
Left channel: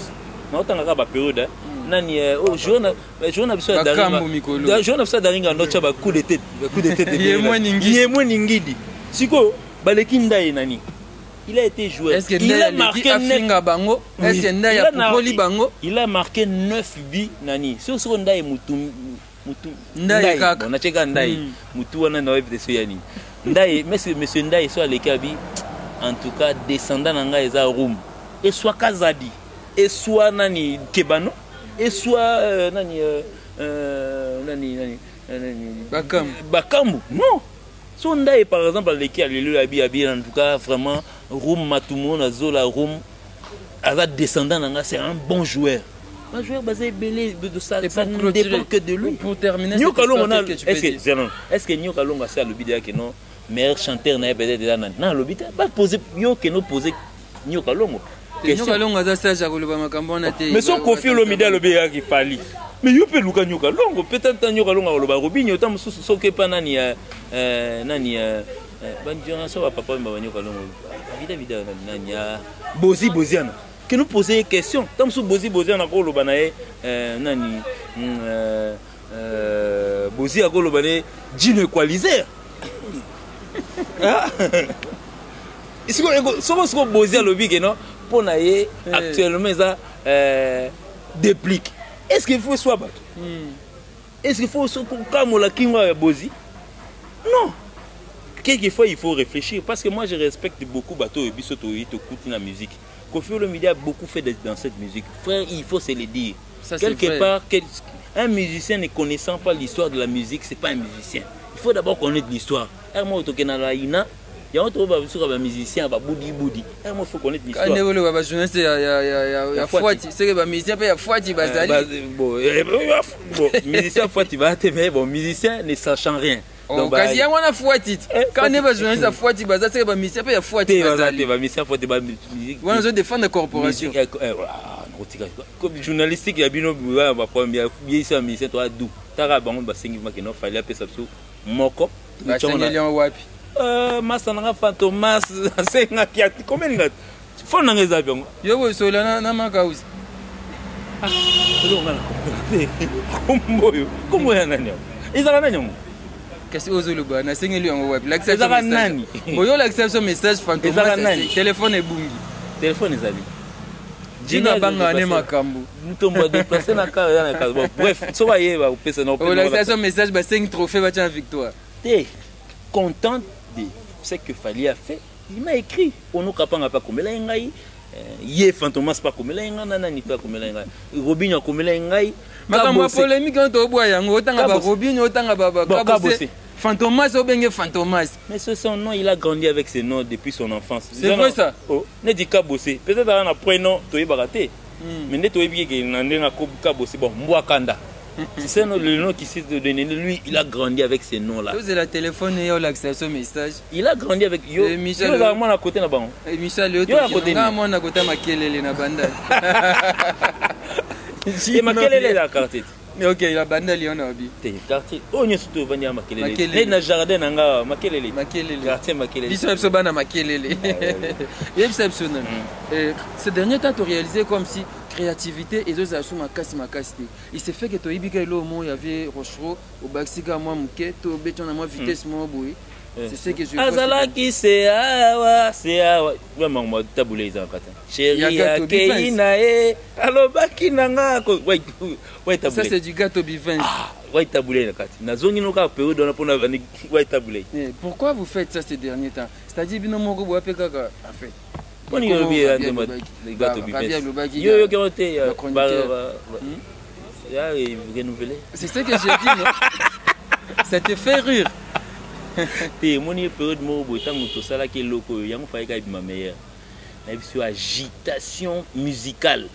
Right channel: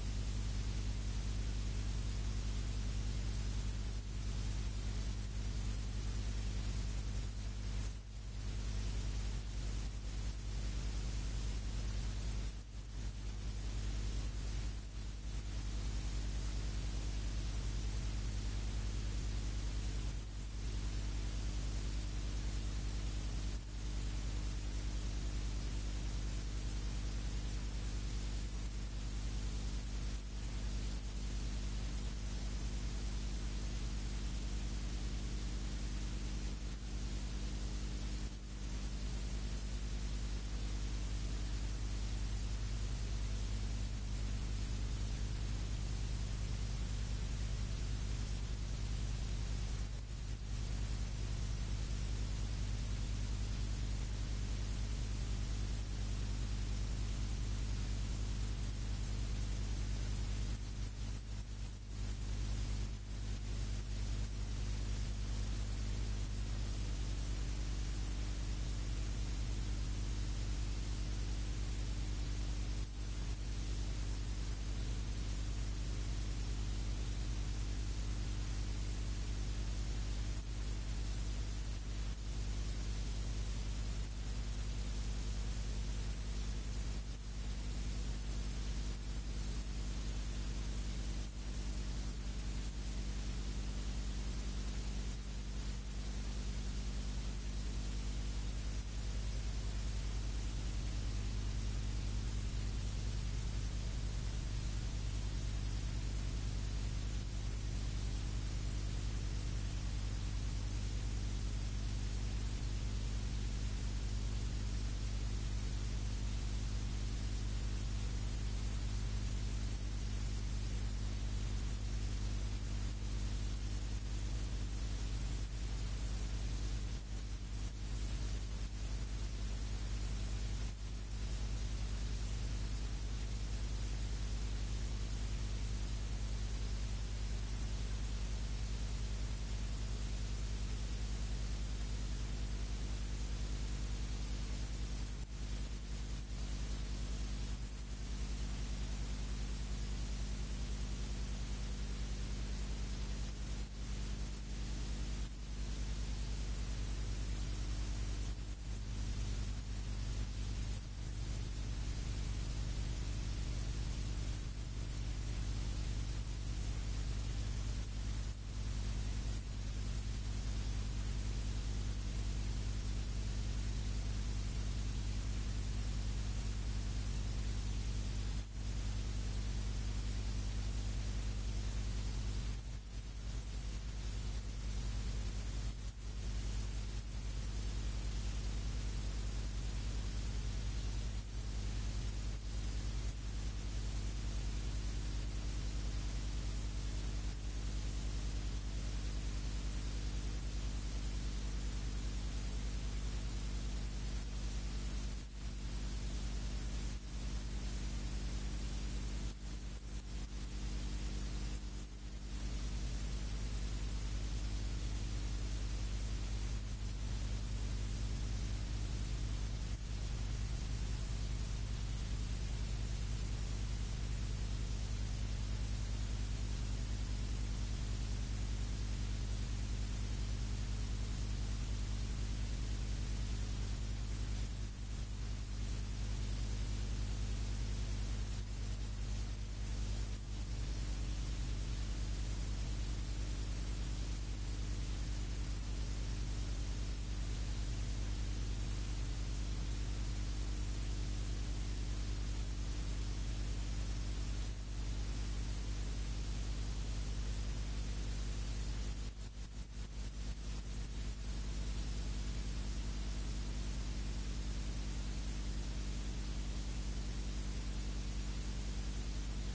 na otanga ba période nani journal biso ya daringa journal biso daringa nocha ba coup de tête yemwe ningidi siko baleki ndai nani il a été joueur. Il a marqué 9 bango. Est-ce que Ndaya Pukoli bango? Il a marqué 9 buts nani. Sur ce Ndaya Mutu Ndaya kaka. On a checké Ndaya Mutu wana na web de Soyani. Ndaya monsieur Ndaya soit les kabi en tout cas descendant nanga eza room. Et soit Kazadi et soit nani Kebano et soit nani Bakambu. Non. Son Ndaya par exemple les abi en tout cas vraiment Roum Matumona Zola Roum Azad descendant c'est un bon joueur. Un joueur basé belé de ça ne dépend que de lui. Pour terminer est-ce que Nyo Kalonga c'est le bidé que non meilleur chanteur na peut-être déjà non le bidé pas poser yo que nous poser Nyo Kalonga. Nyo Kalonga za stage à koloba makambo na te. Mais son Koffi Olomide le bidé qui fali. Mais yo peut Luka Nyo Kalonga peut-être Nyo Kalonga koloba Robinho tam so ke pa nani nani bandiona so papa mba Nyo Kalonga. Vida nanya Boziana que nous poser des questions comme sous Boziana ko lo banae nani Bozi a ko lo banae Dino Equalizer ici ko Bozi lobi que non pour naie actuellement ça déplique. Est-ce qu'il faut soit battre? Est-ce qu'il faut comme la kinga Bozi? Non. Quelquefois il faut réfléchir parce que moi je respecte beaucoup bateau et biso to écoute la musique. Koffi Olomide a beaucoup fait dans cette musique. Frère, il faut se le dire. Ça, quelque part un musicien ne connaissant pas l'histoire de la musique, c'est pas un musicien. Il faut d'abord connaître l'histoire. Moi to kenala ina, ya on trouve un musicien va boudi. Moi faut connaître l'histoire. Quand on va journaliste ya Fouati, c'est que ba musicien pa ya Fouati bazali. Bon, musicien Fouati va te mais bon musicien ne sachant rien. Oh, kasi yango wana fuati. Quand ne ba journaliste a fuati baza c'est ba mission pe ya fuati bazali. Ba mission fuati ba wana zo défendre la corporation. Comme journalistique ya bino ba premier biesa mission to adu. Tara bango ba sengi ma keno fallait apesa biso moko. Ba sengi lion wapi? Masa nanga fantomas senga kia combien ngat. Fona ngeza biongo. Yo bo sola na makausi. Comment ya nani? Ezala nani? Kasi ozoluba na sengeli yango wapi? Ezala nani? Boyo l'acception message fantomas téléphone ebungi. Téléphone ezali. Dina banga ne makambo. Mutomba déplacer na ka na ka. Bref, so va yeba opesa na opesa. L'acception message ba 5 trophées ba tiens victoire. T'es content de ce que Fally a fait. Il m'a écrit ono kapanga pa komela ngai. Ye fantomas pa komela ngai nani pa komela ngai. Robinho komela ngai. Makambo polémique on boya yango otanga ba Robinho otanga ba Kabose. Fantomas obenge Fantomas. Mais ce son nom, il a grandi avec ce nom depuis son enfance. C'est vrai ça? Oh, ne dit Kabose. Peut-être dans un prénom, tu es baraté. Mais ne tu es bien qu'il a Kabose. Bon, Mwakanda. C'est le nom qui s'est donné. Lui, il a grandi avec ce nom-là. Vous avez la téléphone et l'accession message. Il a grandi avec Yo. Yo, là, moi, à côté là-bas. Michel, Yo, à côté. Moi, à côté, Makelele na banda. Et Makelele la carte. Ok, la bande lion abi. Te quartier. Oh nyo surtout banya Makelele. Les na jardin nanga Makelele. Makelele. Quartier Makelele. Biso ebso bana Makelele. Exceptionnel. Ces derniers temps tu réalisé comme si créativité et autres assu makasi. Il s'est fait que to ibika lo mo y avait Rochero au Baxika moi muke to beton na moi vitesse mo boy. C'est ce que je vois. Azalaki c'est awa. Vraiment moi taboulé ça kata. Chérie Keina e alobaki nanga ko ça c'est du gâteau bivins. Ouais taboulé na kati. Na zongi no ka période on a pona ouais taboulé. Pourquoi vous faites ça ces derniers temps? C'est-à-dire bino moko bo apeka en fait. On y revient de les gâteaux bivins. Yo garoté ya renouveler. C'est ce que j'ai dit non. Ça te fait rire. Té moni période mo bo tango to sala ke loko yango fa ka bima meilleur. Na biso agitation musicale.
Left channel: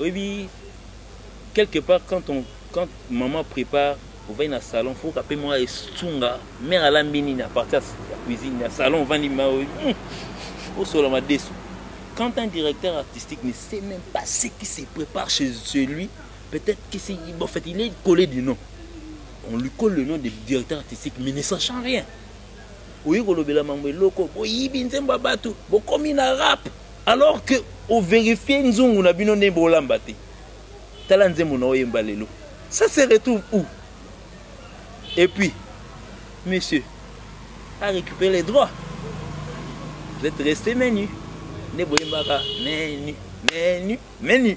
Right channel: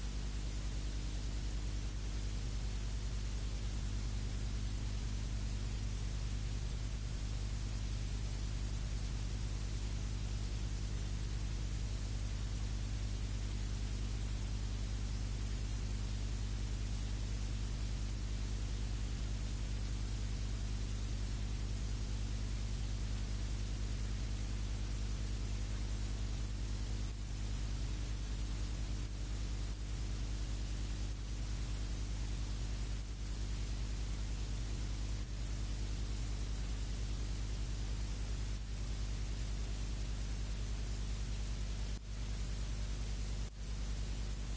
Oui, quelque part quand maman prépare on va dans le salon faut qu'après moi estunga mère à la mini à partir de la cuisine le salon va ni ma au solo ma déçu. Quand un directeur artistique ne sait même pas ce qui se prépare chez lui, peut-être que c'est en fait il est collé du nom. On lui colle le nom de directeur artistique mais ne sachant rien. Oui, golobela mambo loko, oui binzemba batu, bo komi na rap alors que au vérifier nzungu na bino ne bolamba te. Tala nzembo na oyemba lelo. Ça se retrouve où? Et puis monsieur a récupéré les droits. Vous êtes resté menu. Ne boyembaka menu.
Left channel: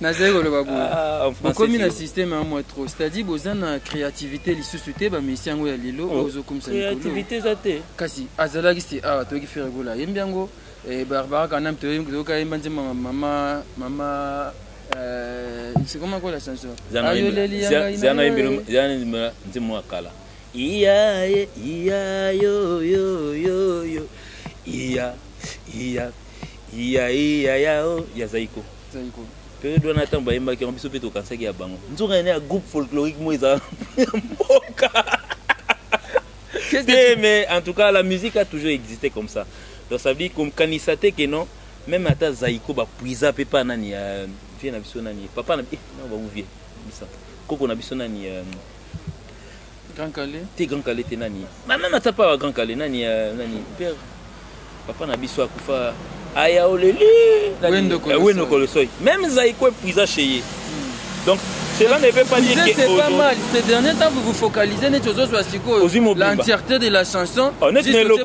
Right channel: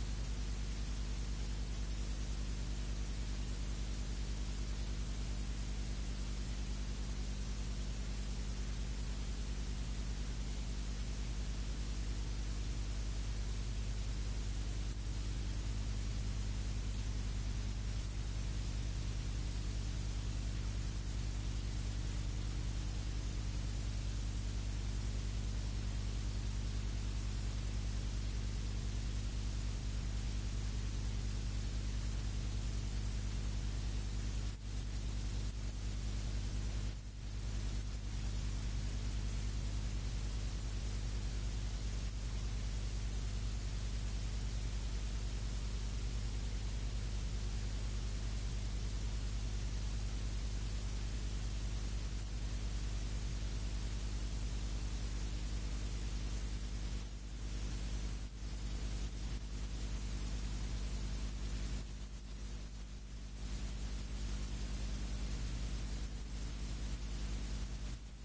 Nazero le babou. Comme un système à moi trop. C'est-à-dire besoin de créativité li suscité ba messi yango ya lilo ozo comme ça. Créativité zate. Kasi azala ki c'est ah to ki faire gola. Yembiango et Barbara quand même to ka yemba maman c'est comment quoi la chanson? Zana nzimo akala. Iya yo iya ya Zaiko. Période on attend bayemba ki on biso peto kansaki ya bango. Nzoka ene ya groupe folklorique moïsa mboka. Mais en tout cas la musique a toujours existé comme ça. Donc ça veut dire comme kanisate que non même ata Zaiko ba puisa pe pa nani vie na biso nani papa na non ba ouvie bisa. Koko na biso nani Grand Calais. T'es Grand Calais t'es nani. Même ata pas Grand Calais nani père papa na biso akufa aya oleli wendo kolosoi même Zaiko puisa chez donc cela ne veut pas dire que c'est pas mal. Ces derniers temps vous vous focalisez net aux autres l'entièreté de la chanson juste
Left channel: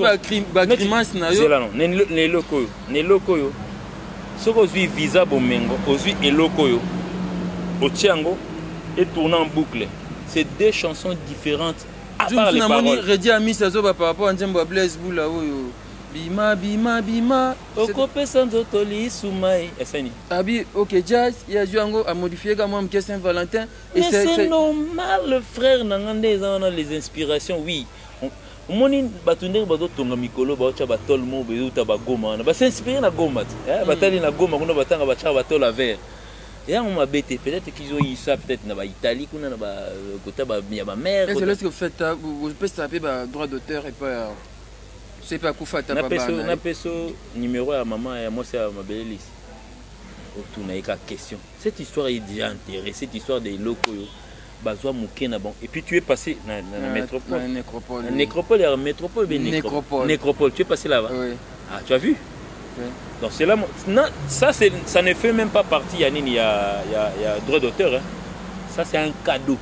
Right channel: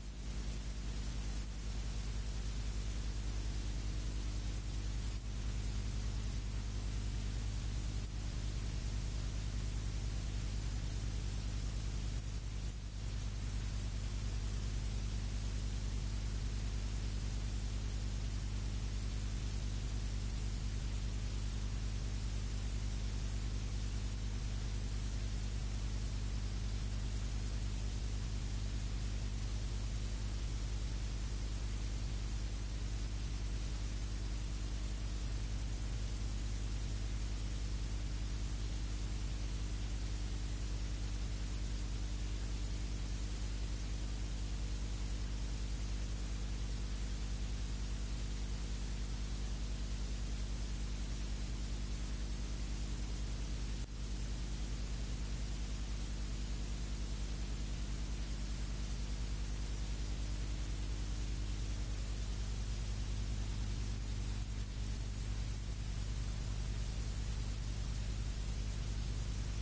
ba grimace na yo. C'est là non ne loko yo soko zui visa bomengo ozui eloko yo otiango et tourne en boucle. C'est deux chansons différentes à part les paroles. Redi ami sazo ba par rapport à Nzembo Blaise Boula oyo bima okopesa nzoto lisumai eseni abi OK jazz ya juango a modifié comme moi Saint Valentin et c'est normal le frère nangande ezana les inspirations oui moni batunde bazo tonga mikolo ba ocha batol mo be uta ba goma na ba s'inspirer na goma batali na goma kuna batanga ba cha batol à verre Et on m'a bêté, peut-être qu'ils ont eu ça, peut-être dans l'Italie, qu'on a côté il y a ma mère. Est-ce que vous faites, vous pouvez taper droit d'auteur et pas. C'est pas quoi faire taper. On a fait numéro à maman et moi c'est à ma belle liste. Autour n'a pas question. Cette histoire est déjà intéressée, cette histoire des locaux. Bazoua Moukena bon. Et puis tu es passé dans la métropole. La nécropole, la métropole, nécropole. Tu es passé là-bas. Oui. Ah, tu as vu? Oui. Donc c'est là, non, ça ne fait même pas partie, il y a droit d'auteur. Hein. Ça c'est un cadeau.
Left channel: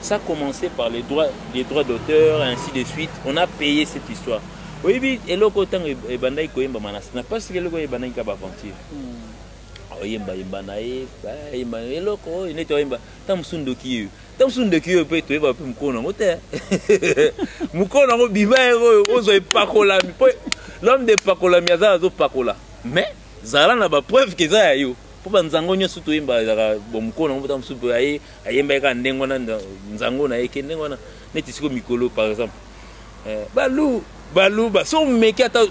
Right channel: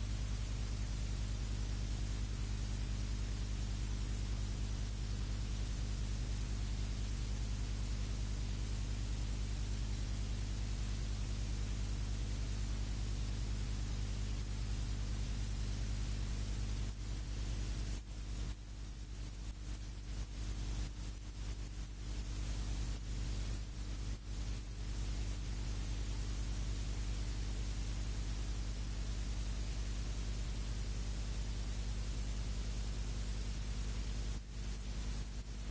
Ça a commencé par les droits d'auteur, ainsi de suite. On a payé cette histoire. Oui, oui, et là, quand on est bandai koyemba manas, n'a pas ce que le koyemba bandai kaba aventure. Oyemba yembanae, eloko, il est oyemba. Tamsundo kiyo. Tamsundo kiyo peut être va plus mukona mote. Mukona ngo biba ozo epakola mi. L'homme de pakola miaza zo pakola. Mais zala na ba preuve que ça yo. Po banzango nyo suto yemba za bomukona ngo tamsundo aye ayemba ka ndengo na nzango na yeke ndengo na neti siko mikolo par exemple. Balou so meki ata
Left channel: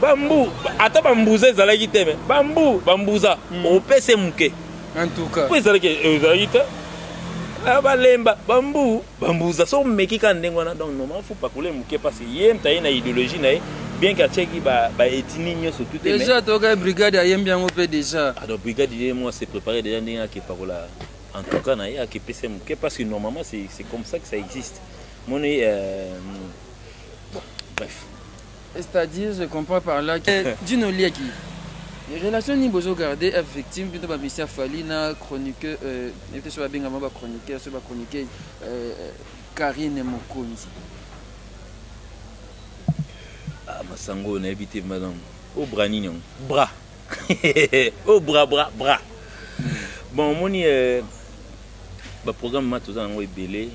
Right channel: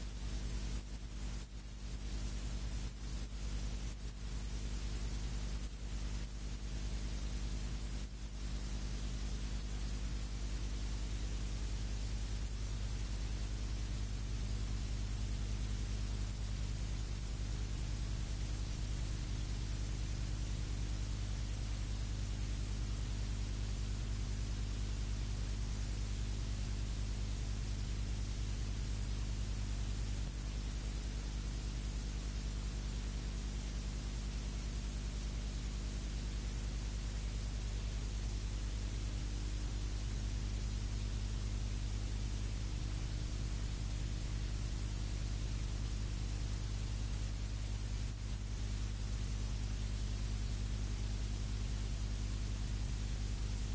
bambu ata bambuza ezalaki te me bambuza opese muke en tout cas po ezalaki te balemba bambuza so meki ka ndengo na donc normalement faut pas couler muke parce que yem taye na idéologie na bien qu'à cheki ba etini nyoso tout est déjà toka brigade ayem bien opé déjà alors brigade moi c'est préparé déjà ndinga ke parola en tout cas na ya ke pese muke parce que normalement c'est comme ça que ça existe mon bref. C'est-à-dire, je comprends par là que d'une liaki. Les relations ni besoin garder effectivement plutôt ba Monsieur Fali na chroniqueur était sur la bien avant ba chroniqueur sur ba chroniqueur Karine Mokonzi. Ah masango na éviter madame. Au bras nignon. Bras. Au bras. Bon moni ba programme ma tout dans belé.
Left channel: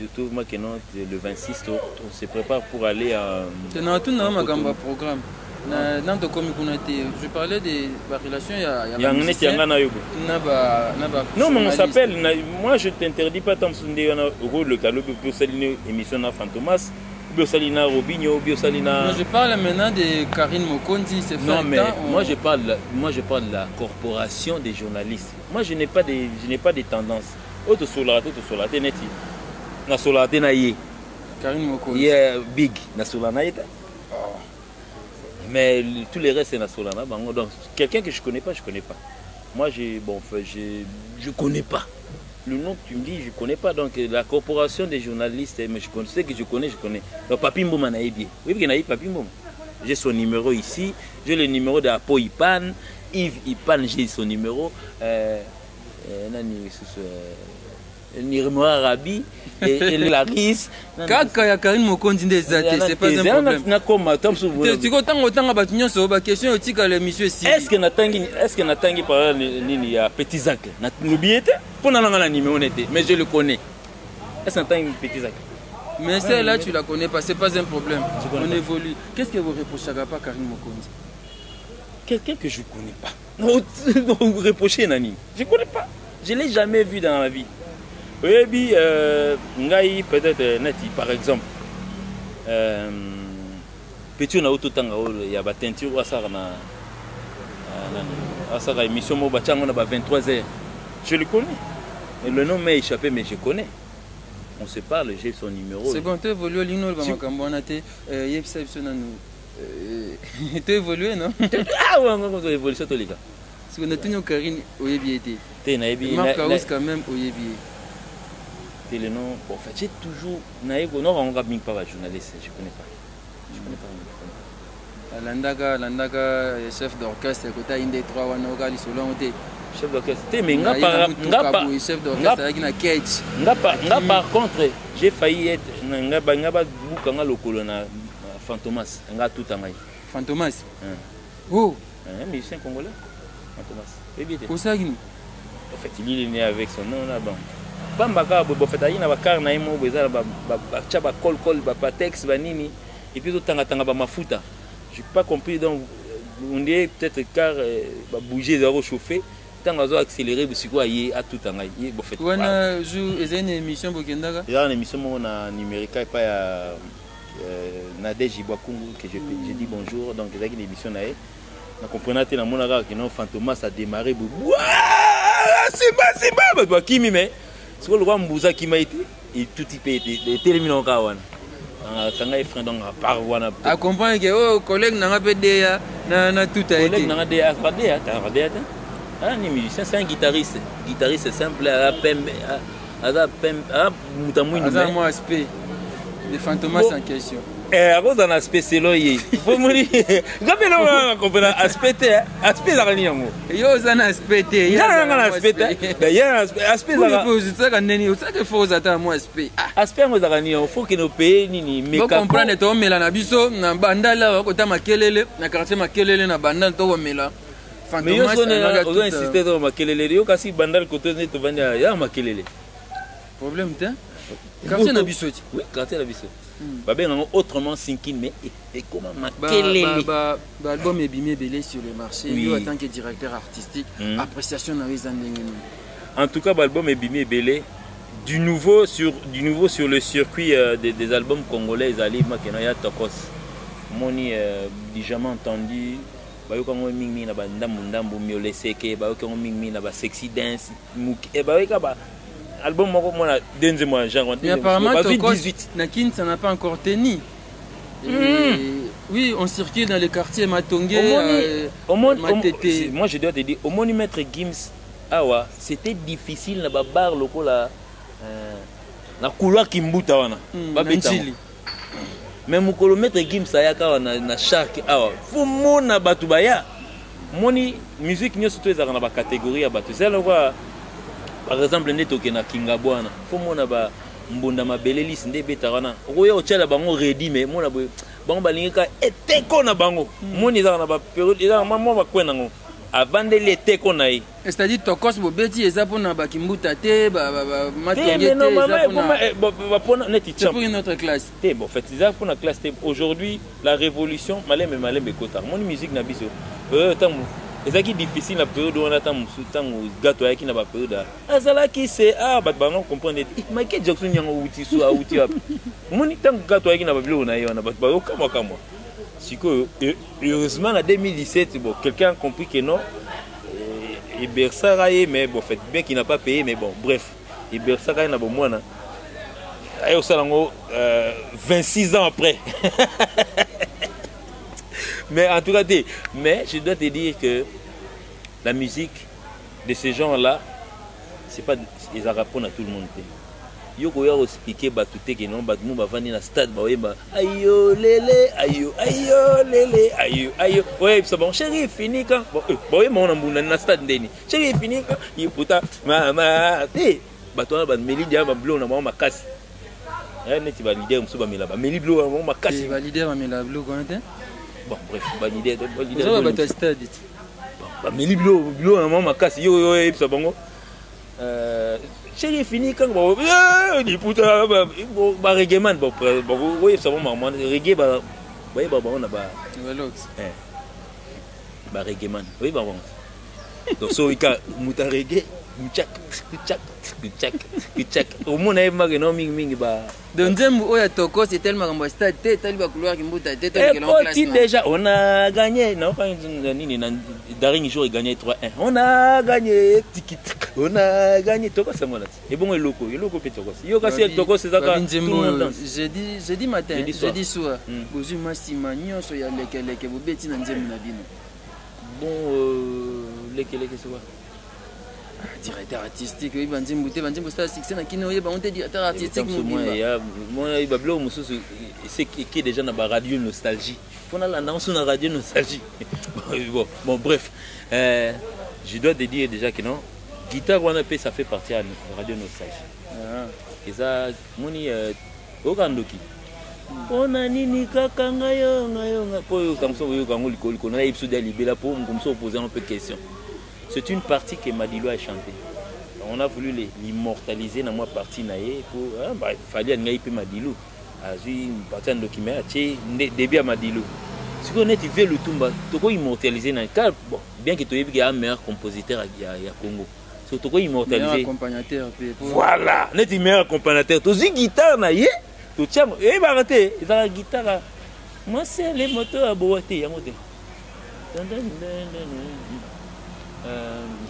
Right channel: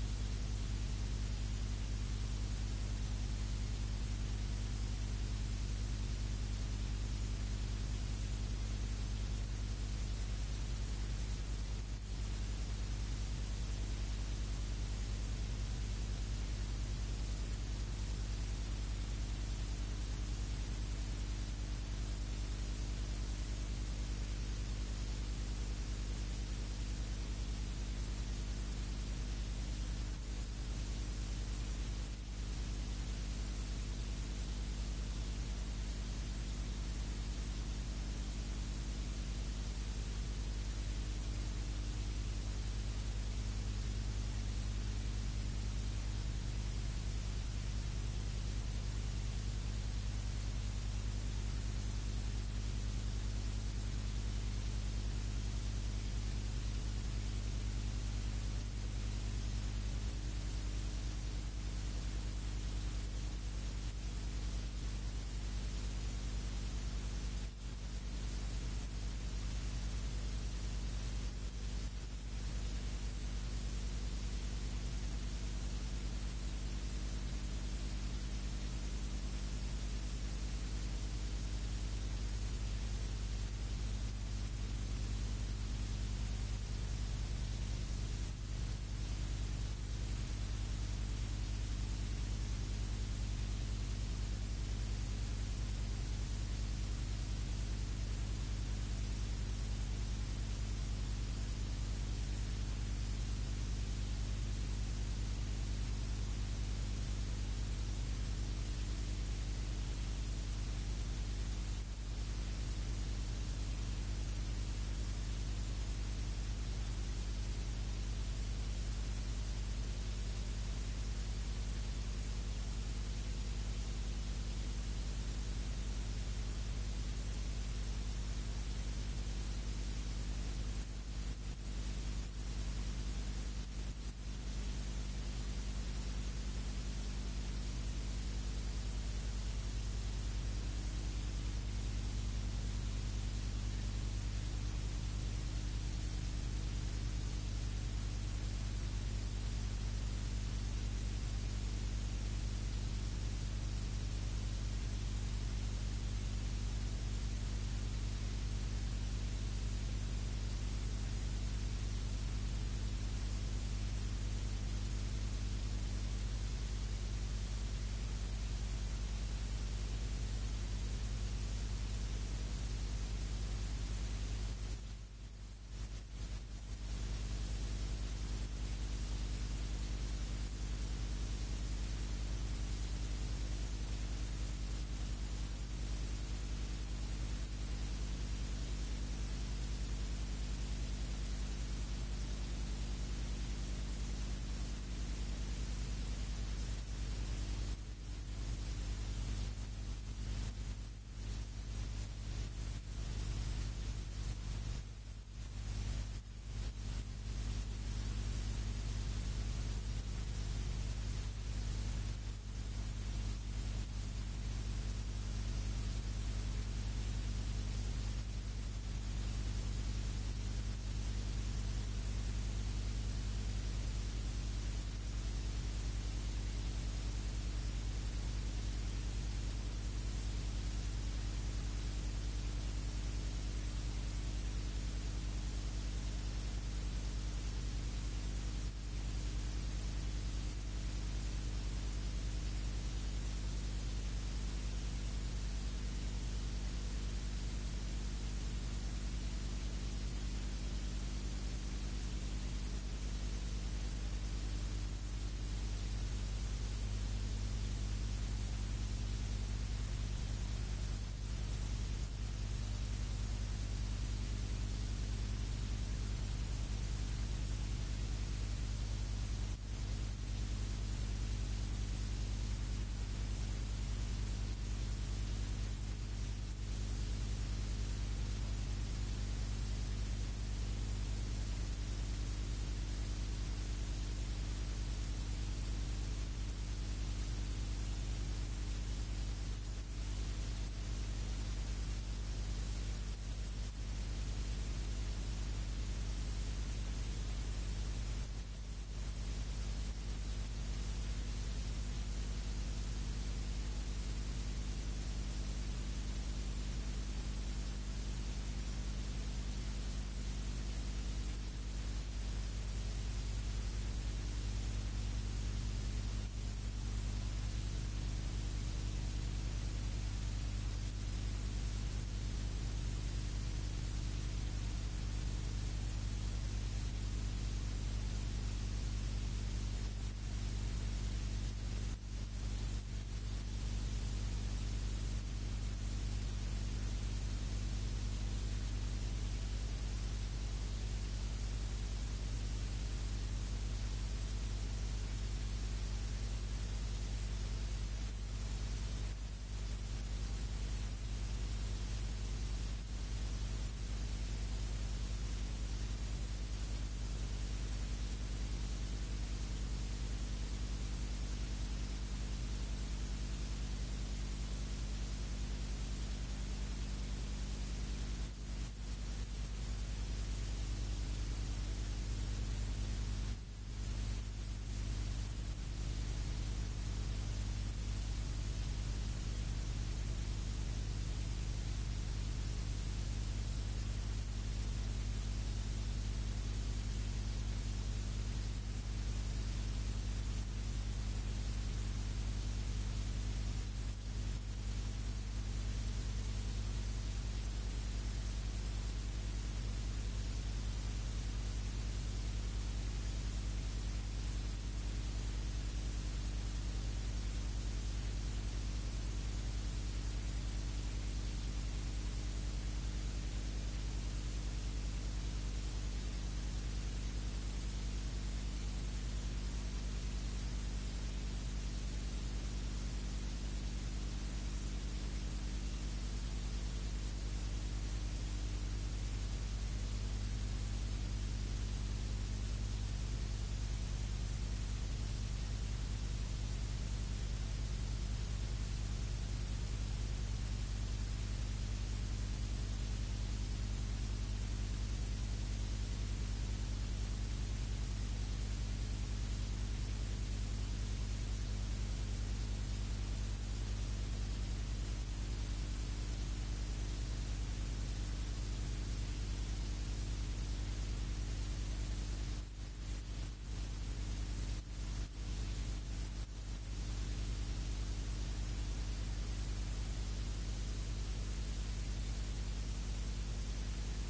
Surtout moi qui le 26 on se prépare pour aller à programme je parlais des relations non mais on s'appelle moi je t'interdis pas tant le galop biosaline émission na Fantomas biosalina Robinho biosalina je parle maintenant de Karine Mokonzi c'est non mais moi je parle de la corporation des journalistes moi je n'ai pas des tendances auto solar neti na solar na ye Karine Mokonzi big na solar na yeta mais tous les restes c'est na solar na bango donc quelqu'un que je connais pas moi je connais pas le nom que tu me dis je connais pas donc la corporation des journalistes mais je sais que je connais donc Papi Mboma na yebi oui que na yebi Papi Mboma j'ai son numéro ici j'ai le numéro de Apo Ipan Yves Ipan j'ai son numéro nani Nirmo Arabi et Laris kaka ya Karine Mokonzi ndezate c'est pas un problème na koma tamsuvu tu otanga ba nyonso ba question otika le monsieur ici est-ce que natangi par nini ya Petit Zak na nubiete pour na ngala numéro nete mais je le connais est-ce que natangi Petit Zak mais celle-là tu la connais pas c'est pas un problème on évolue qu'est-ce que vous reprochez pas Karine Mokonzi quelqu'un que je connais pas non vous reprochez nani je connais pas je l'ai jamais vu dans ma vie. Oui, ngai peut-être neti par exemple petit na autotanga il y a ba teinture asara na asara émission mo ba chango na ba 23h je le connais et le nom m'est échappé mais je connais on se parle j'ai son numéro c'est bon tu évolues lino ba makambo na te yebisa biso na nous tu évolues non ah ouais on va évoluer ça tous les cas parce que na Karine oyebi été te na yebi na quand même oyebi le nom bon en fait j'ai toujours naïgo non on va bien pas journaliste je connais pas landaka chef d'orchestre côté inde 3 wana okali selon te chef d'orchestre te mais chef d'orchestre avec na cage nga par contre j'ai failli être nga buka nga lokolo na Fantomas nga tout angai Fantomas oh un musicien congolais Fantomas c'est bien osagini en fait il est né avec son nom là bon bambaka bo fait ayina ba car na imo bezala ba cha ba col ba texte ba nini et puis tanga ba mafuta j'ai pas compris donc on dit peut-être car ba bouger za chauffer tanga zo accélérer bisiko aye à tout tanga ye bo fait wana jour une émission bokendaka il y a une émission na numérica pas ya Nadège Bakungu que j'ai dit bonjour donc il y a une émission na na comprenate na monaka que non Fantomas a démarré simba bato bakimi me sikoyo lokwa mbuza kima ete etuti mpe ete etelemi na oka wana kanga efrein donc apart wana acomprendre ke oyo collègue nanga mpe deya na tuta ete collègue nanga deya te ah ni musicien c'est un guitariste simple aza muta mwindu aza mwa aspect de fantomas en question akoza na aspect selo ye pomoni ngapena comprendre aspect te aspect ezaka nini yango yo oza na aspect te nanga na aspect te aspect ezaka nini osaka fo oza ta mwa aspect aspect yango ezaka nini faut que no paye nini comprendre toomela na biso na bandala bakota makelele na quartier makelele na bandala tokomela mais yo ozo insiste to makelele yo kasi bandala koto ne tovandi ya makelele problème te quartier na biso ti oui quartier na biso babenganga autrement sinkin mais ekoma makelele baalbum ebimi ebele sur le marché yo en tant que directeur artistique appréciation na yo eza ndenge nini en tout cas baalbum ebimi ebele du nouveau sur le circuit des albums congolais ezali makena ya tokos moni dijament entendu bayokango mingi na bandambu mioleseke bayokango mingi na ba sexy dance bayoka ba album moko mona denze moi genre mais apparemment Tokos Nakin ça n'a pas encore tenu. Oui, on circule dans les quartiers Matongé, Matete. Moi je dois te dire au moni maître Gims awa c'était difficile na ba bar lokola na couloir kimbuta wana ba betili. Mais mukolo maître Gims ayaka wana na shark awa faut mona batu baya moni musique nyo surtout ezaka na ba catégorie ya batu c'est là par exemple netoke na Kingabwana faut mona ba mbunda mabele lisi nde beta wana okoya otela bango ready mais mona bango balingika eteko na bango moni ezaka na ba période ezaka mama bakwena ngo avandeli eteko na ye c'est-à-dire Tokos bobeti eza pona ba kimbuta te ba matongete eza pona neti c'est pour une autre classe te bon fait eza pona classe te aujourd'hui la révolution malembe kota moni musique na biso tango ezaki difficile la période où on attend musutango gato yaki na ba période azalaki c'est bat bana comprendre Michael Jackson nyango uti so uti up moni tango gato yaki na ba bilo na yo na ba kama siko heureusement en 2017 bon quelqu'un a compris que non Ibersaraye mais bon fait bien qu'il n'a pas payé mais bon bref Ibersaraye na bon mwana ayo salango 26 ans après. Mais en tout cas, mais je dois te dire que la musique de ces gens-là, c'est pas ils répondent à tout le monde. Yoko ya expliquer batuté que non batmu ba vandi na stade ba weba ayo lele ayo lele ayo ouais ça bon chéri fini quand bon ouais mon ambuna na stade ndeni chéri fini quand il puta mama bato ba meli dia ba blo na mama makasi neti ba leader musu ba mela ba meli blo na mama makasi ba leader ba mela blo quand même. Bon bref bonne idée ça va stade ba meli blo na mama makasi yo ça bongo chéri fini quand bon il puta ba reggae man bon oui ça bon maman reggae ba on a ba reggae man oui ba bon donc so ika muta reggae tchak au monde est magno mingi ba donc Nzembo oya Tokos c'est tellement comme stade tellement ba couloir qui mbuta tête que l'on classe déjà on a gagné non pas nini na dernier jour il gagné 3-1 on a gagné on a gagné Tokos c'est moi là et bon eloko pe Tokos yo kasi Tokos c'est ça jeudi matin jeudi soir bozu masima nyonso ya lekeleke bobeti na Nzembo na bino bon lekeleke c'est quoi directeur artistique oui Nzembo star succès na kino yeba on te directeur artistique moi bablo mususu c'est qui déjà na ba radio nostalgie on a l'annonce na radio nostalgie bon bref je dois te dire déjà que non guitare wana pe ça fait partie à radio nostalgie et ça moni okandoki ona nini kaka ngayo po yo kamso yo kango liko na episode ya libela po ngomso poser un peu de questions. C'est une partie que Madilo a chantée. On a voulu l'immortaliser dans ma partie naïe pour il fallait un peu Madilo. Azui une partie de documentaire début à Madilo. Si on est fait le tumba, tu peux immortaliser dans car bon bien que tu aies un meilleur compositeur à Congo. So tu peux immortaliser. Accompagnateur. Voilà, net meilleur accompagnateur. Tu as guitare naïe, tu tiens bah arrêtez, ils ont la guitare. Moi c'est les motos à boiter yango.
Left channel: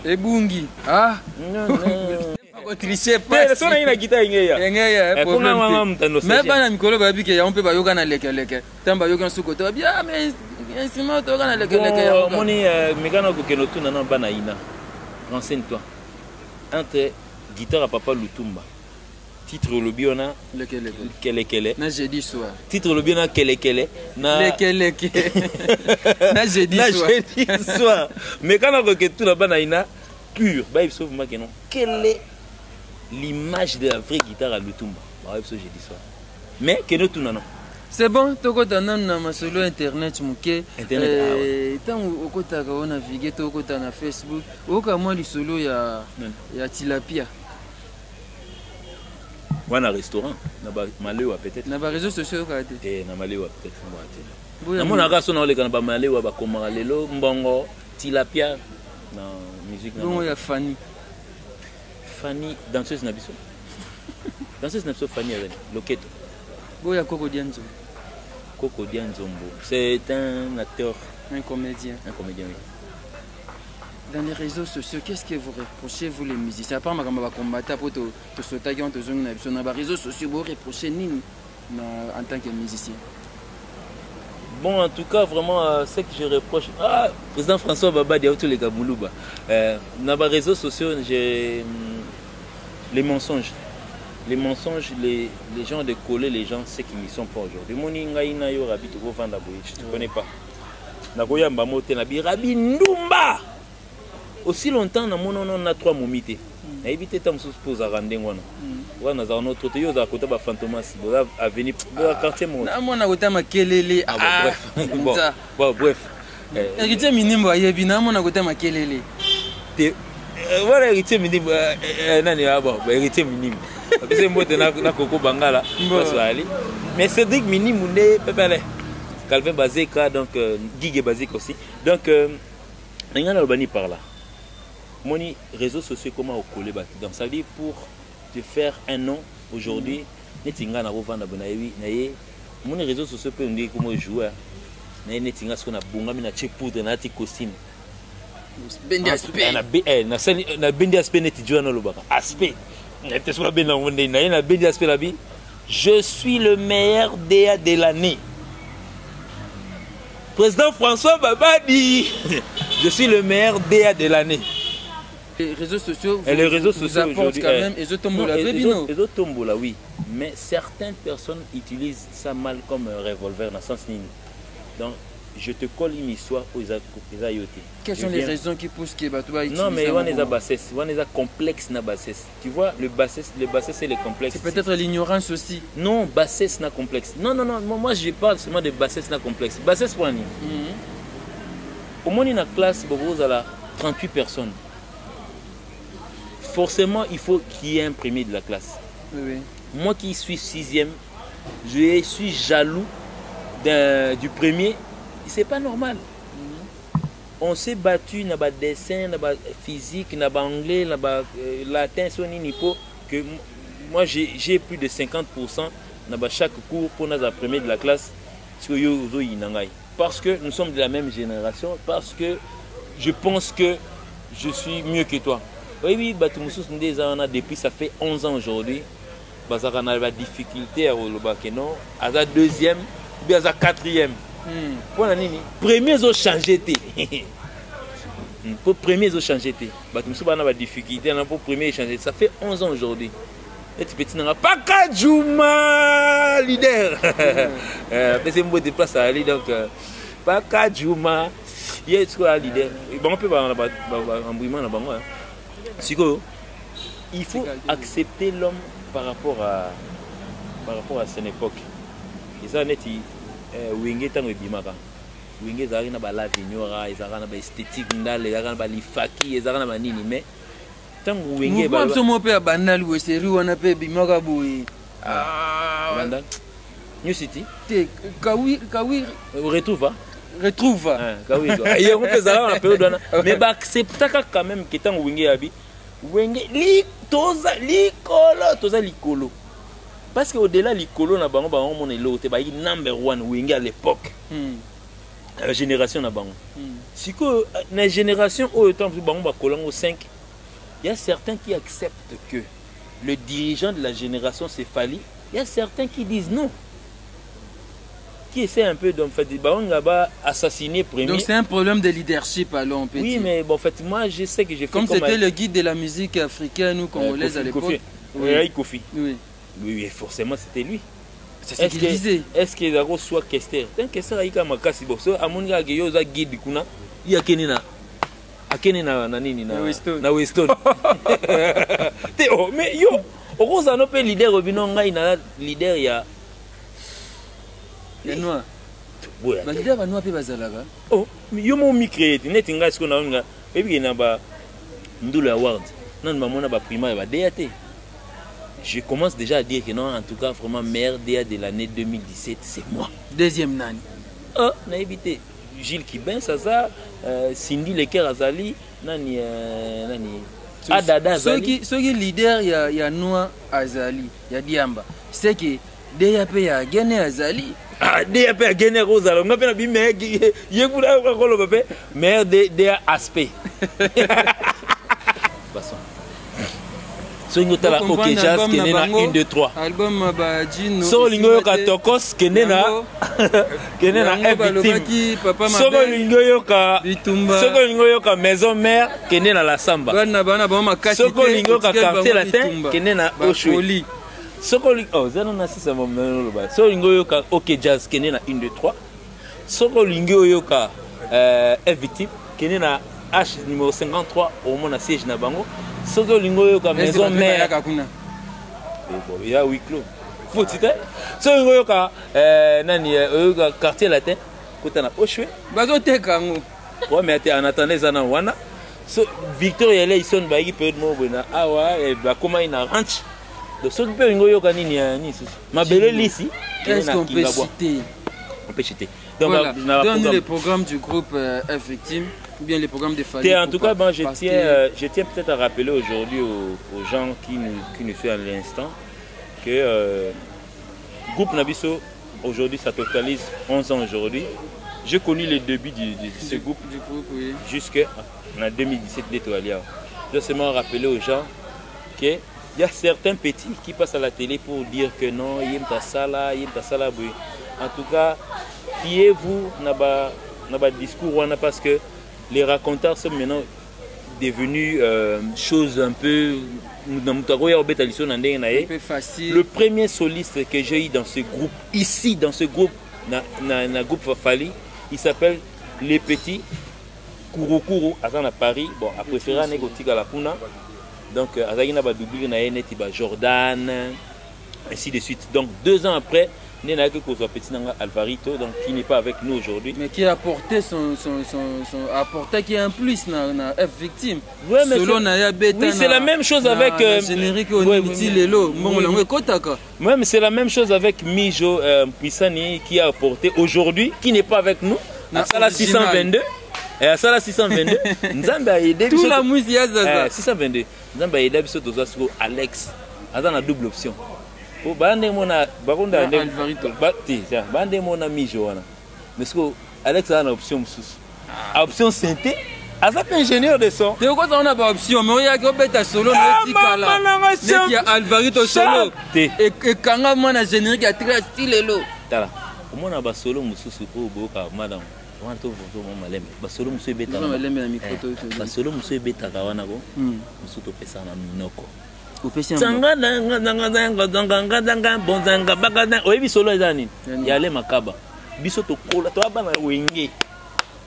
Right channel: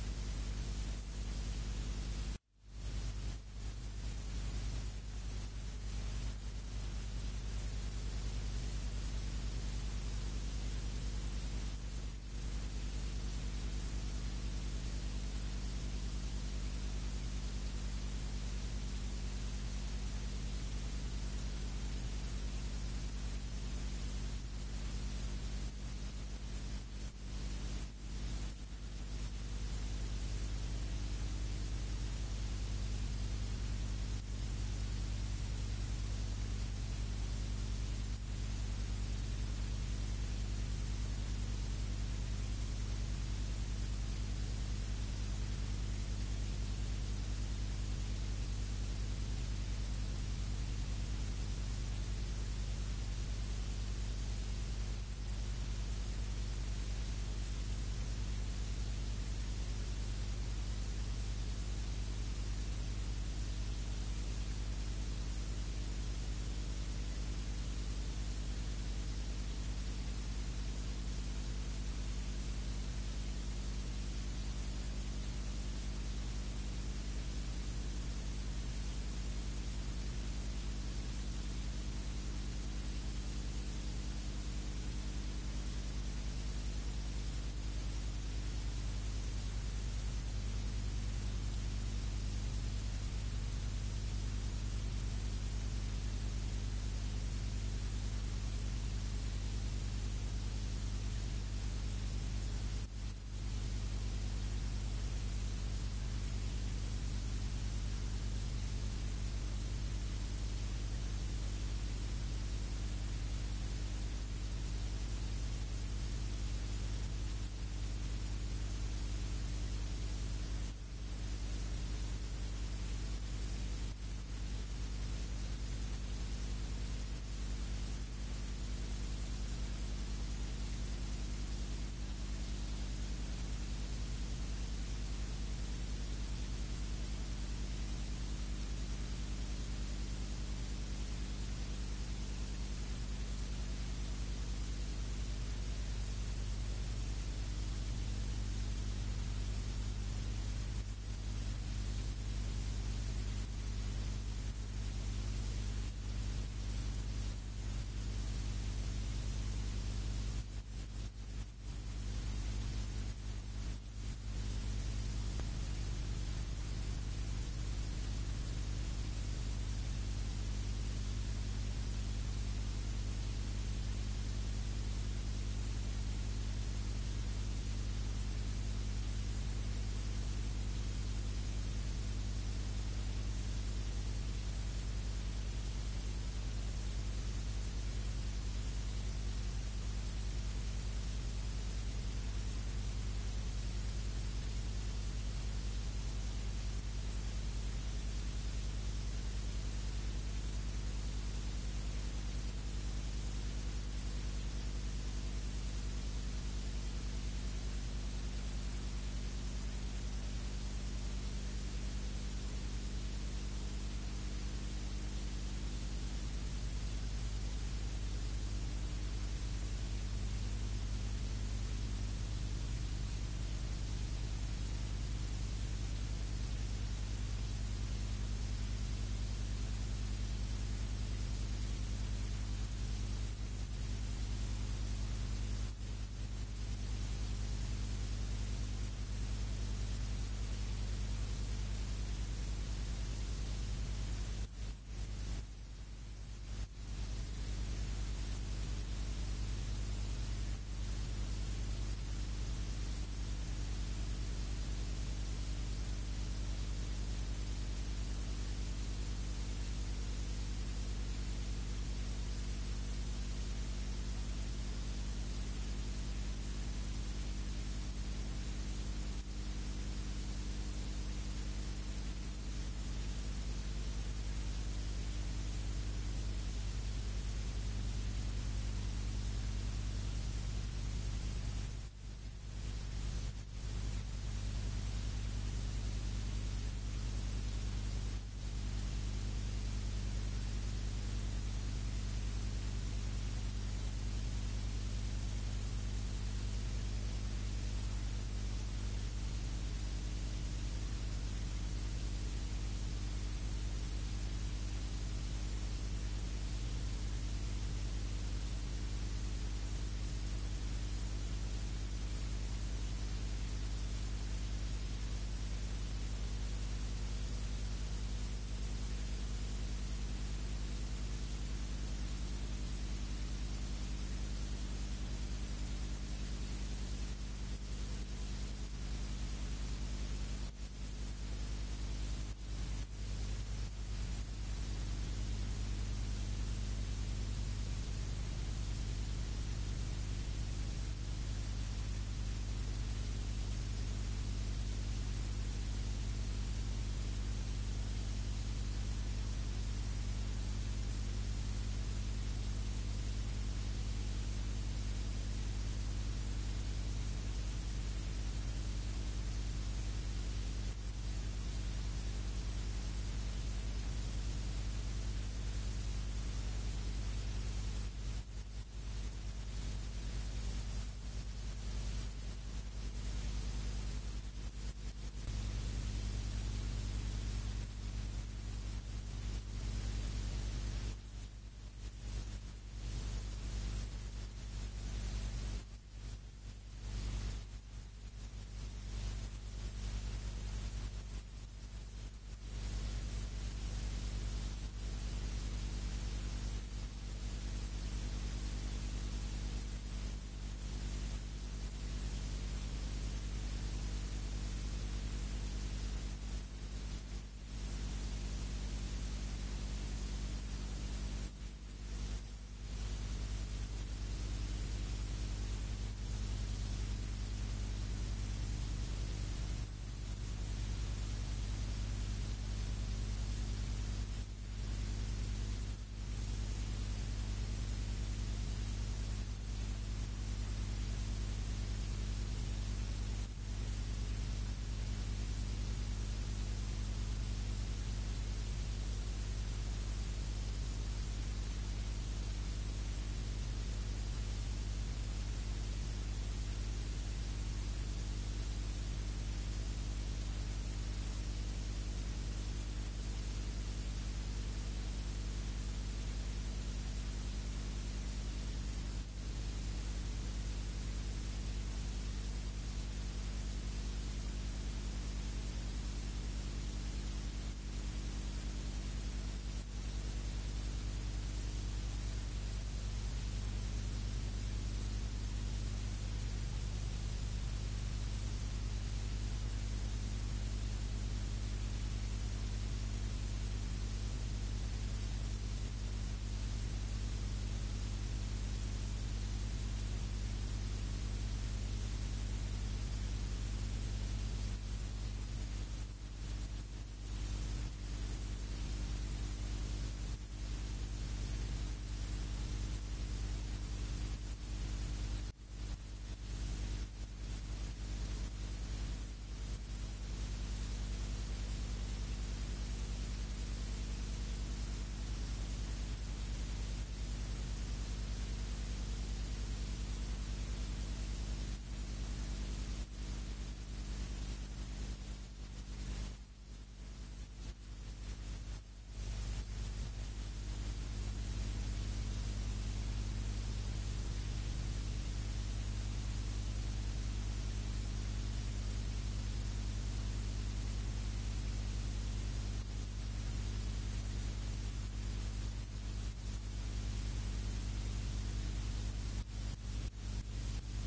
Ebungi. Ah. Non. Tricher pas. Mais ça na guitare ingeya. Ingeya problème. Mais bana mikolo ba bike ya on peut ba yoka na leke. Tamba yoka suko to bien mais instrument to yoka na leke. Moni mekana ko keno tuna na bana ina. Renseigne-toi. Entre guitare à Papa Lutumba. Titre le biona Kele. Na jeudi soir. Titre le biona Kele. Na Leke. Na jeudi soir. Mekana ko ketu na bana ina pur. Ba il sauve ma kenon. Quelle est l'image de la vraie guitare à Lutumba? Bah, ça j'ai dit ça. Mais que nous tout non. C'est bon, toko tana na masolo internet muke. Internet. Tant okota ka ona naviguer toko tana Facebook. Oka moi li solo ya tilapia. Wana restaurant na ba malewa peut-être. Na ba réseaux sociaux ka te. Na malewa peut-être na ba te. Na mona ka sona ole kana ba malewa ba komara lelo mbongo tilapia na musique na. Bon ya Fanny, danseuse Nabiso. Danseuse Nabiso Fanny avec Loketo. Boya Koko Dianzo. Koko Dianzombo. C'est un acteur. Un comédien. Un comédien, oui. Dans les réseaux sociaux, qu'est-ce que vous reprochez, vous les musiciens? À part ma camarade combattant pour te sauter dans les réseaux sociaux, vous reprochez Nini en tant que musicien? Bon, en tout cas, vraiment, ce que je reproche. Ah, président François Baba Diaoutou les Gamouluba. Dans les réseaux sociaux, j'ai les mensonges. Les mensonges, les gens de coller les gens, c'est qu'ils n'y sont pas aujourd'hui. Mon ingaïna yo rabi to vendre je te connais pas. Nagoya mbamote nabi rabi ndumba. Aussi longtemps na mon on a 3 momités. Na éviter tam sous pose à rendre ngona. Wana za notre te yo za kota ba fantomas bola avenir bola quartier mon. Na mona kota makelele. Bon bref. Héritier minimbo ayebi na mona kota makelele. Voilà héritier minimbo nani aba héritier minimbo. C'est moi na Coco Bangala. Mais Cédric Minimbo ne pepele. Calvin Bazeka donc Guigé Bazeka aussi. Donc rien à Albanie par là. Mon réseaux sociaux comment au coller donc ça veut dire pour te faire un nom aujourd'hui netinga na revendre bonayewi naye mon réseaux sociaux peut dire comment jouer naye netinga ce qu'on a bongami na check poudre na ti costume bendi aspect na bendi aspect neti jouer na lobaka aspect neti soit ben na wonde naye na bendi aspect la bi je suis le meilleur DA de l'année. Président François Babadi je suis le meilleur DA de l'année. Les réseaux sociaux, les réseaux sociaux aujourd'hui, quand même, ils ont tombola, oui. Mais certaines personnes utilisent ça mal comme un revolver dans le sens nini. Donc, je te colle une histoire aux ayotés. Quelles sont les raisons qui poussent que Batouba utilise? Non, mais on est à bassesse, on est à complexe na bassesse. Tu vois, le bassesse c'est le complexe. C'est peut-être l'ignorance aussi. Non, bassesse na complexe. Non, moi je parle seulement de bassesse na complexe. Bassesse pour Annie. Au moins, dans la classe, vous avez 38 personnes. Forcément, il faut qu'il y ait un premier de la classe. Oui. Moi qui suis 6e, je suis jaloux du premier. C'est pas normal. On s'est battu dans le dessin, dans le physique, dans l'anglais, dans le latin, que moi j'ai plus de 50% dans chaque cours pour notre premier de la classe. Parce que nous sommes de la même génération, parce que je pense que je suis mieux que toi. Oui, depuis ça fait 11 ans aujourd'hui. On a la difficulté à la deuxième, ou à la quatrième. Premiers ont changé. Pour premiers ont changé. On a la difficulté pour premiers changer. Ça fait 11 ans aujourd'hui. Et tu peux dire, pas Kadjouma, leader. C'est un de place à aller. Donc, pas Kadjouma, il y a un leader. On peut avoir un bruit là-bas. Il faut accepter l'homme par rapport à son époque. Et ça, net, Wenge tango bimaka. Wenge zari na bala vignora, ezara na ba esthétique ndale, ezara na ba lifaki, ezara na ba nini mais tango Wenge ba. Moi somo pe banal we seri wana pe bimaka boy. Bandal. New City. Te kawi retrouve. Retrouve. Kawi. Et on peut zara na période wana. Mais ba accepter quand même que tango Wenge abi. Wenge li toza likolo. Parce qu'au-delà likolo na bango on est l'autre ba number 1 Wenge à l'époque. la génération na bango. Si que la génération au temps bango ba kolango 5, il y a certains qui acceptent que le dirigeant de la génération c'est Fally. Il y a certains qui disent non. Qui essaie un peu d'en fait assassiner premier. Donc c'est un problème de leadership alors on peut oui, dire. mais bon, en fait moi je sais que j'ai fait comme c'était le guide de la musique africaine ou congolaise à l'époque. Oui, Kofi. Oui. Oui, forcément c'était lui. C'est ce qu'il disait. Est-ce qu'il y a soit Kester? Tant que ça il y a makasi bosso amonga que yoza guide kuna il y a kenina akenina na nini na Weston. Théo mais yo okoza no pe leader obino ngai na leader ya les noirs. Bah leader va noirs pe bazalaka. Oh, yo mo mi créer net ngai siko na nga ebi na ba ndula award. Non maman na ba primaire ba DAT. Je commence déjà à dire que non, en tout cas, vraiment, meilleur DA de l'année 2017, c'est moi. Deuxième nani. Oh, on a évité. Gilles Kibin, Saza, Cindy Leker Azali, Nani. Adada Azali. Ce qui est leader, il y a Noah Azali, il y a Diamba. C'est que DAP a gagné Azali. Ah, DAP a gagné Rosalo. On a fait un meilleur. Il y a un meilleur DA aspect. Passons. So lingo tala OK Jazz kene na 1 2 3 album ba Jino so lingo yoka Tokos kene na F-Victime so lingo yoka so lingo yoka Maison Mère kene na La Samba bana ba makasi so lingo yoka Quartier Latin kene na Oshwe so lingo oh zano na sisa momeno ba so lingo yoka OK Jazz kene na 1 2 3 so lingo yoka F-Victime kene na H numéro 53 au moins na siège na bango. Soko lingo yoka Maison Mère. Il y a huis clos. Faut tu sais. Soko lingo yoka nani yoka Quartier Latin kota na Oshwe. Bazo tekango. Ouais mais en attendant zana wana. So Victor yele ison ba yi période mo bona awa e ba koma ina ranch. Donc soko pe lingo yoka nini ni susu. Mabele lisi. Est-ce qu'on peut citer? On peut citer. Donc voilà. Donne les programmes du groupe F-Victime. Ou bien les programmes de Fally. En tout cas, ben, je tiens peut-être à rappeler aujourd'hui aux gens qui nous suivent à l'instant que le groupe Nabiso, aujourd'hui, ça totalise 11 ans aujourd'hui. J'ai connu les débuts de ce groupe oui. Jusqu'en 2017 d'Etoilia. Je dois seulement rappeler aux gens qu'il y a certains petits qui passent à la télé pour dire que non, il y a ça là. En tout cas, fiez-vous dans le discours parce que les raconteurs sont maintenant devenus choses un peu facile. Le premier soliste que j'ai eu dans ce groupe, ici dans ce groupe, dans groupe Fally, il s'appelle Les Petits Kouroukuru, à Paris. Bon, à préférer à la Puna. Donc, à Jordan, ainsi de suite. Donc, 2 ans après, Alvarito, donc qui n'est pas avec nous aujourd'hui. Mais qui a apporté apporté qui est un plus dans F-Victime. Ouais, mais oui, c'est la même chose avec générique ouais, mais c'est la même chose avec Mijo Pissani qui a apporté aujourd'hui, qui n'est pas avec nous. À Sala 622. Et à Sala 622, Nzamba a aidé. Tout la musique 622. Nzamba a aidé Alex. Azan a double option. Oh, bande mona baronda bande mona mijo wana mais ce que Alex a une option mususu option synthé azap ingénieur de son de quoi on a pas option mais il y a que beta solo na tikala mais il y a Alvarito solo et kanga mona générique a très style lo tala mona ba solo mususu ko boka madame wanto voto mo malem ba solo mususu beta malem na micro to ba solo mususu beta ka wana ko mususu to pesa na minoko oyebi solo eza nini ya Ale Makaba biso tokola toabana wenge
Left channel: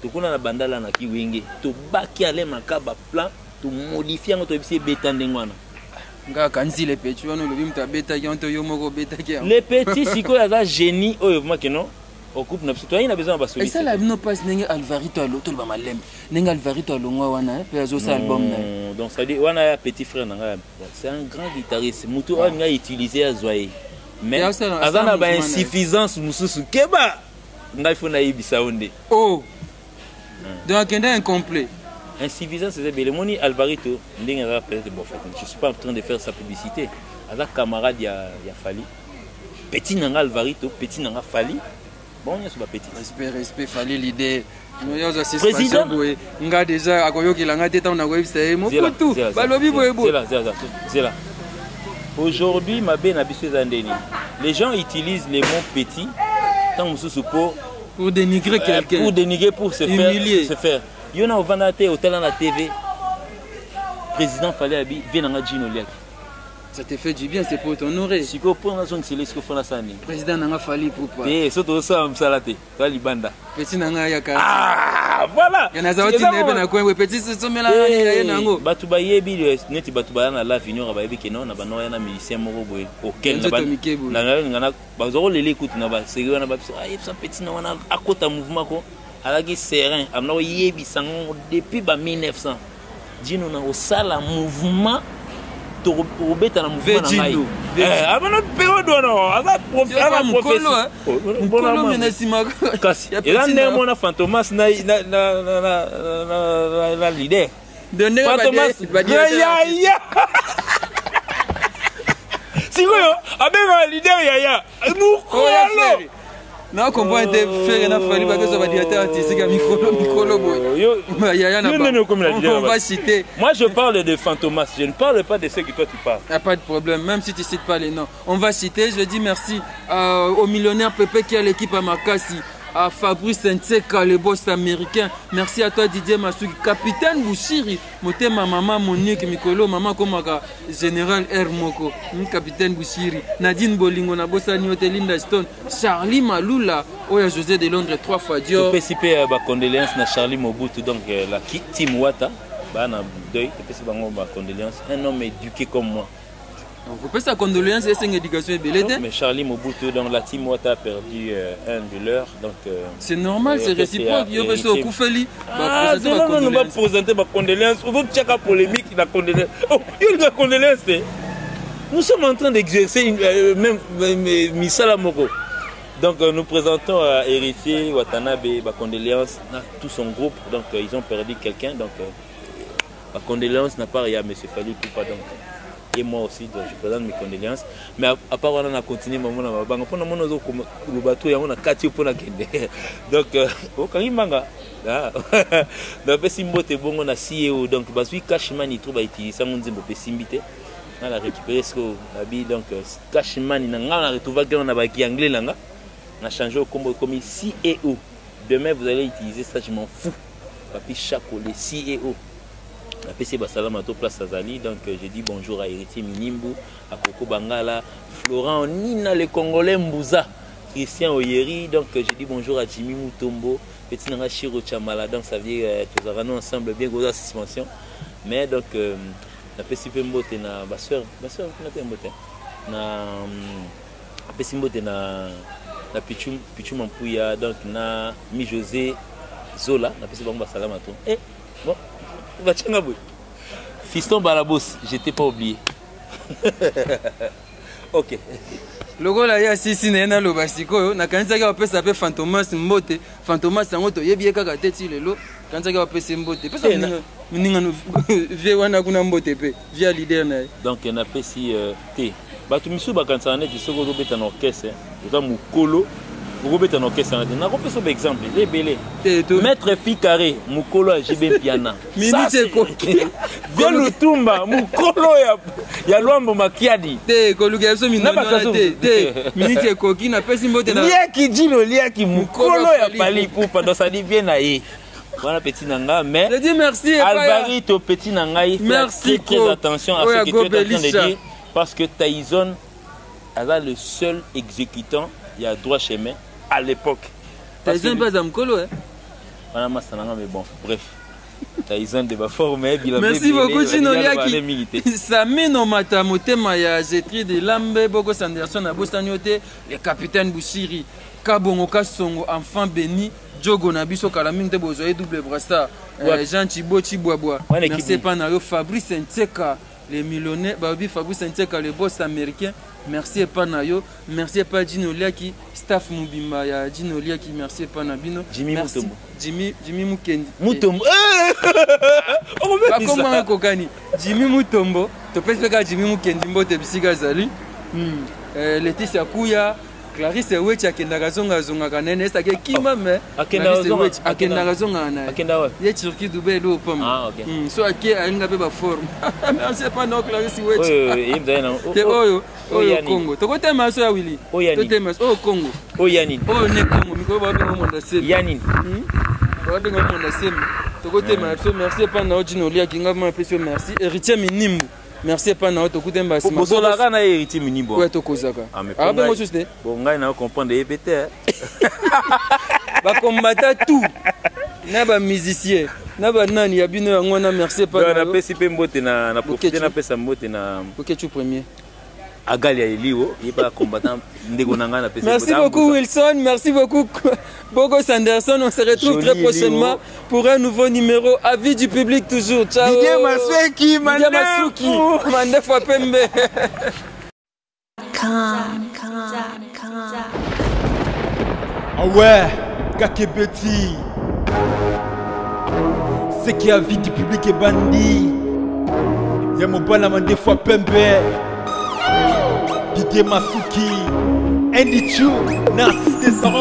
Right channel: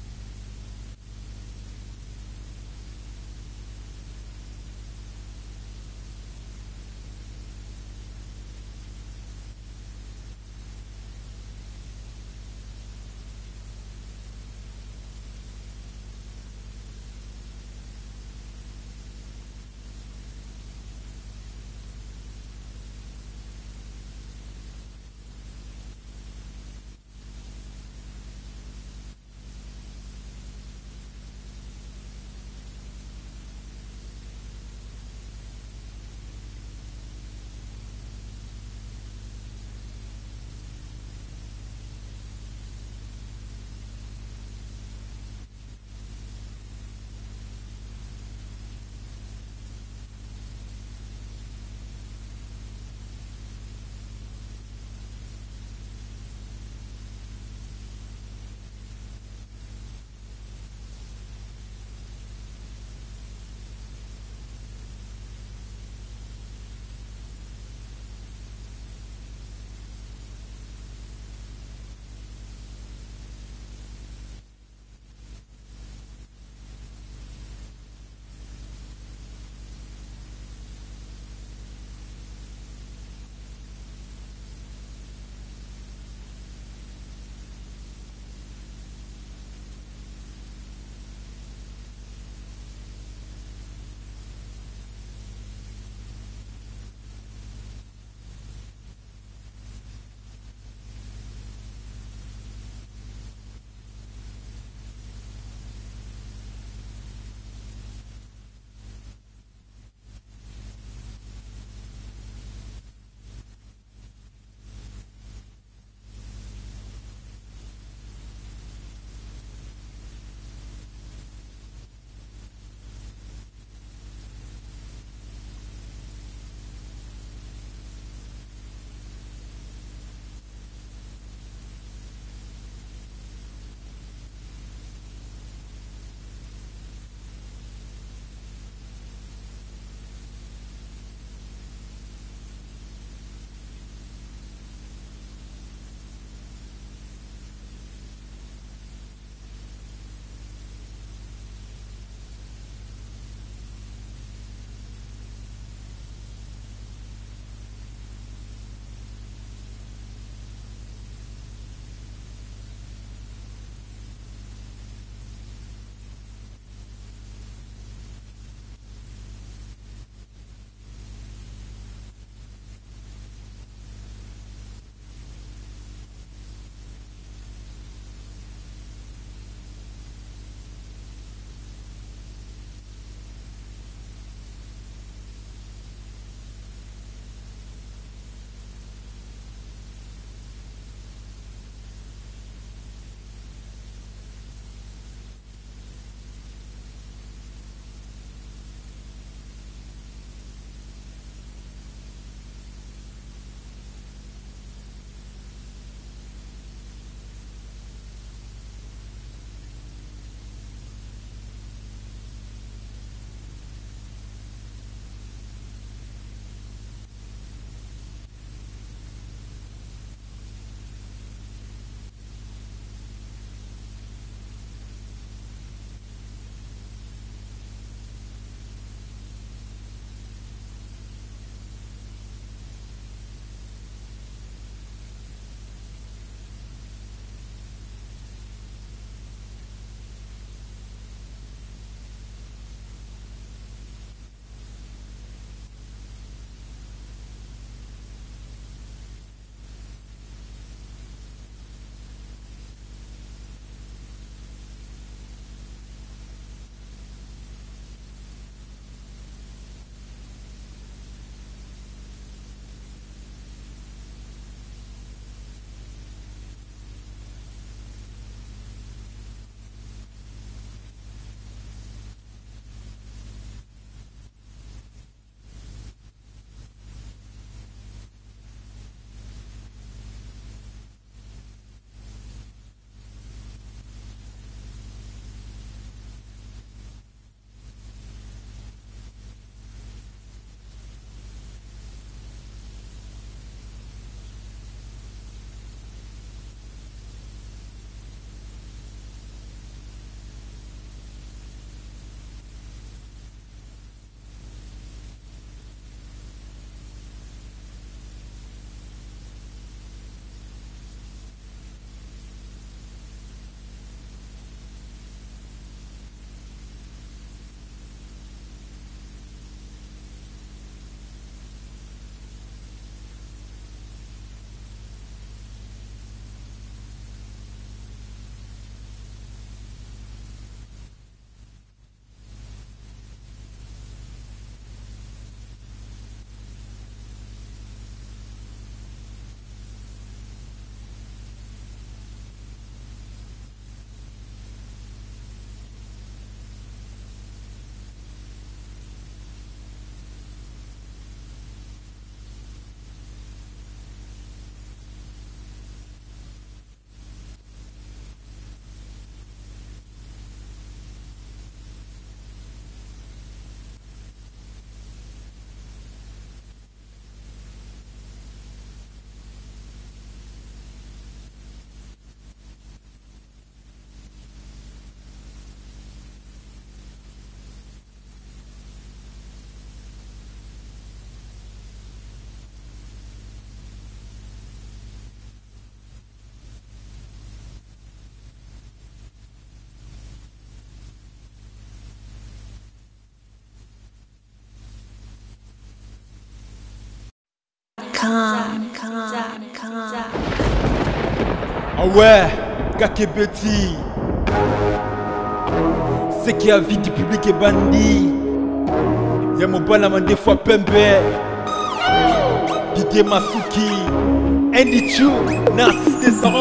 tokuna na bandala na ki wenge tobaki Ale Makaba plan tomodifie yango toyebisi ebeta ndenge wana ngaka nzile petit wana olobi mutu abetaki yango to yo moko obetaki yango le petit sikoyo aza génie oyo vumaki non au groupe na biso toyina besoin ba soliste et ça la bino passe ndenge Alvarito alo to ba malembe ndenge Alvarito alongwa wana pe azo sa album na donc ça dit wana ya petit frère nanga c'est un grand guitariste mutu oyo nga utiliser azoye mais azana ba insuffisance mususu keba ngai fona yibisa onde oh donc kende incomplet insuffisance c'est belle moni Alvarito ndenge nga peut-être bon je suis pas en train de faire sa publicité aza camarade ya Fally petit nanga Alvarito petit nanga Fally bon nyonso bapetite respect fallait l'idée président nga déjà akoyokela te ntango nakoyebisa ye mokutu balobi boyeboye. Aujourd'hui mabe na biso eza ndeni les gens utilisent les mots petits ntango mosusu pour dénigrer quelqu'un, pour dénigrer, pour se faire. Yo na ovanda te hôtel na TV président fallait abi vient na Gino Liak. Ça te fait du bien, c'est pour t'honorer. Si ko pour na zone c'est ce que fona sani. Président nanga fali pour pas. Eh, surtout ça msalate. Ka libanda. Petit nanga ya ka. Ah, voilà. Yana zawati nebe na kwa petit somela ya nango. Batu bayebi neti batu bana la vinyo ba yebi keno na bano yana musicien moko boye. Okel na ban. Na ngana bazoro lele écoute na ba sérieux na ba ça petit na wana akota mouvement ko alaki serein amna yebi sango depuis ba 1900. Dino na osala mouvement Robeta na mouvement na ngai. Abana période wana asa professeur. Mukolo menasima kasi. Ela ndemo na Fantomas na leader. Fantomas ya. Sikoyo abenga leader ya. Mukolo. Na comprendre te faire na fali ba que ça va dire artistique Mikolo boy. On va citer. Moi je parle de Fantomas, je ne parle pas de ceux que toi tu parles. Il n'y a pas de problème, même si tu ne cites pas les noms. On va citer, je dis merci au millionnaire Pépé qui a l'équipe à Makassi, à Fabrice Ntseka, le boss américain. Merci à toi Didier Masuki, capitaine Bouchiri, ma maman Monique Mikolo, maman Komaka, général R Moko, capitaine Bouchiri, Nadine Bolingo, na bossa Nyote Linda Stone, Charlie Maloula, Oya José de Londres 3 fois Dior. Je peux citer ma condoléance na Charlie Mobutu, donc la team Wata, na deuil, je peux citer ma condoléance, un homme éduqué comme moi. Vous pouvez sa condoléance et une éducation belette. Mais Charlie Mobutu, donc la team Wata a perdu un de leurs. C'est normal, c'est réciproque. Il y aurait ce Koufeli. Ah, non, on va présenter ma condoléance. On va checker la polémique, la condoléance. Oh, il y a une condoléance. Nous sommes en train d'exercer même Misala Moko. Donc nous présentons à Héritier Watanabe ma condoléance à tout son groupe. Donc ils ont perdu quelqu'un. Donc ma condoléance n'a pas rien, mais c'est fallu tout pas donc. Et moi aussi, donc, je présente mes condoléances. Mais à part on a continué maman na banga pona mona zo ko le bateau ya on a kati pona kende. Donc au Karimanga. Donc Pessimbote bongo na CEO donc basui Cashman trouve à utiliser ça mon nzembo Pesimbité. On a récupéré ce qu'on a dit donc Cashman na nga na retrouver que on a baki anglais langa. On a changé au combo comme CEO. Demain vous allez utiliser ça, je m'en fous. Papi Chaco le CEO. La PC Basalam à place Azali, donc j'ai dit bonjour à Héritier Minimbu, à Coco Bangala, Florent Nina, le Congolais Mbouza, Christian Oyeri, donc j'ai dit bonjour à Jimmy Mutombo, Petit Nanga Chiro Chamala, donc ça veut dire que nous allons ensemble bien grosse suspension. Mais donc la PC Mbote na ma soeur, on a Mbote, na PC Mbote na Pichum Mampouya, donc na Mi José Zola, la PC Basalam à tout. Et bon. Fiston Balabos, je t'ai pas oublié. Ok. Logo la ya sisi na lo basiko na kanisa ka pesa pe Fantomas Mbote, Fantomas ngoto yebi kaka teti lelo, kanisa ka pesa Mbote. Pesa ninga no vie wana kuna Mbote pe, via leader na. Donc na pesi te. Batu misu bakanisa na tisoko zo beta na orchestre, za mukolo. Vous avez un orchestre. Je vais exemple. Maître Ficaré, Mukolo a JB Piana. Minute Koki. Viens le Tumba, Mukolo ya Luambo Makiadi. Te Koluga so Minute Koki na pesi mbote na. Lia ki dino lia ki Mukolo ya Pali Poupa dans sa dit bien aïe. Voilà petit nanga mais je dis merci Alvarito petit nanga il fait très attention à ce que tu es en train de dire parce que Tyson est le seul exécutant il y a droit chemin à l'époque. Tyson pas Zamkolo hein. Voilà masananga mais bon bref. Tyson de ba forme merci beaucoup Chino Liaki. Samino mata motema ya Jetri de Lambe Bogo Sanderson na Bostaniote le capitaine Bouchiri Kabongo Kasongo enfant béni Djogo Nabiso Kalaming te bozoé double brassard Jean Chibo Chiboaboa. Merci pas na yo Fabrice Ntseka les millionnaires Babi Fabrice Ntseka le boss américain. Merci pas Nayo, merci pas Gino Liaki, staff Mubimba ya Gino Liaki, merci pas Nabino. Jimmy Mutombo. Jimmy Mukendi. Mutombo. Comment kokani? Jimmy Mutombo, to pesa ka Jimmy Mukendi mbote bisiga zali. Laetitia Kuya, Clarisse Wetch akendaka zonga nene est ake kima mais Akendaka zonga akendaka zonga na Akenda ouais. ye Turquie Dubaï lo pam Ah ok. so ake ainga be ba forme merci pas non Clarisse Wetch Oui, il te oyo Congo tokotema so ya Willy totema o Congo Oh Yanine. o ne Congo mikolo ba be mo ndase Yanine. ba be mo ndase tokotema so merci pas na odino lia kinga ma peso merci héritier minimbu merci pas na tokute mbasi Bozola kana héritier minimbu. ouais tokozaka ah be mo susté bon ngai na comprendre epete ba combattre tout na ba musicien na ba nani ya bino yango na merci pas na pesi pe mbote na profiter na pesa mbote na OK tu premier Agali ya Elio, il va combattre ndeko nanga na pesi. Merci beaucoup Wilson, merci beaucoup Bogo Sanderson, on se retrouve très prochainement pour un nouveau numéro. Avis du public toujours. Ciao. Didier Masuki, Mandefo Pembe. Ah ouais, Kakebeti. C'est qui a vie du public est bandit. Y'a mon bala Mandefo Pembe. Didier Masuki. Andy Chou, Narcisse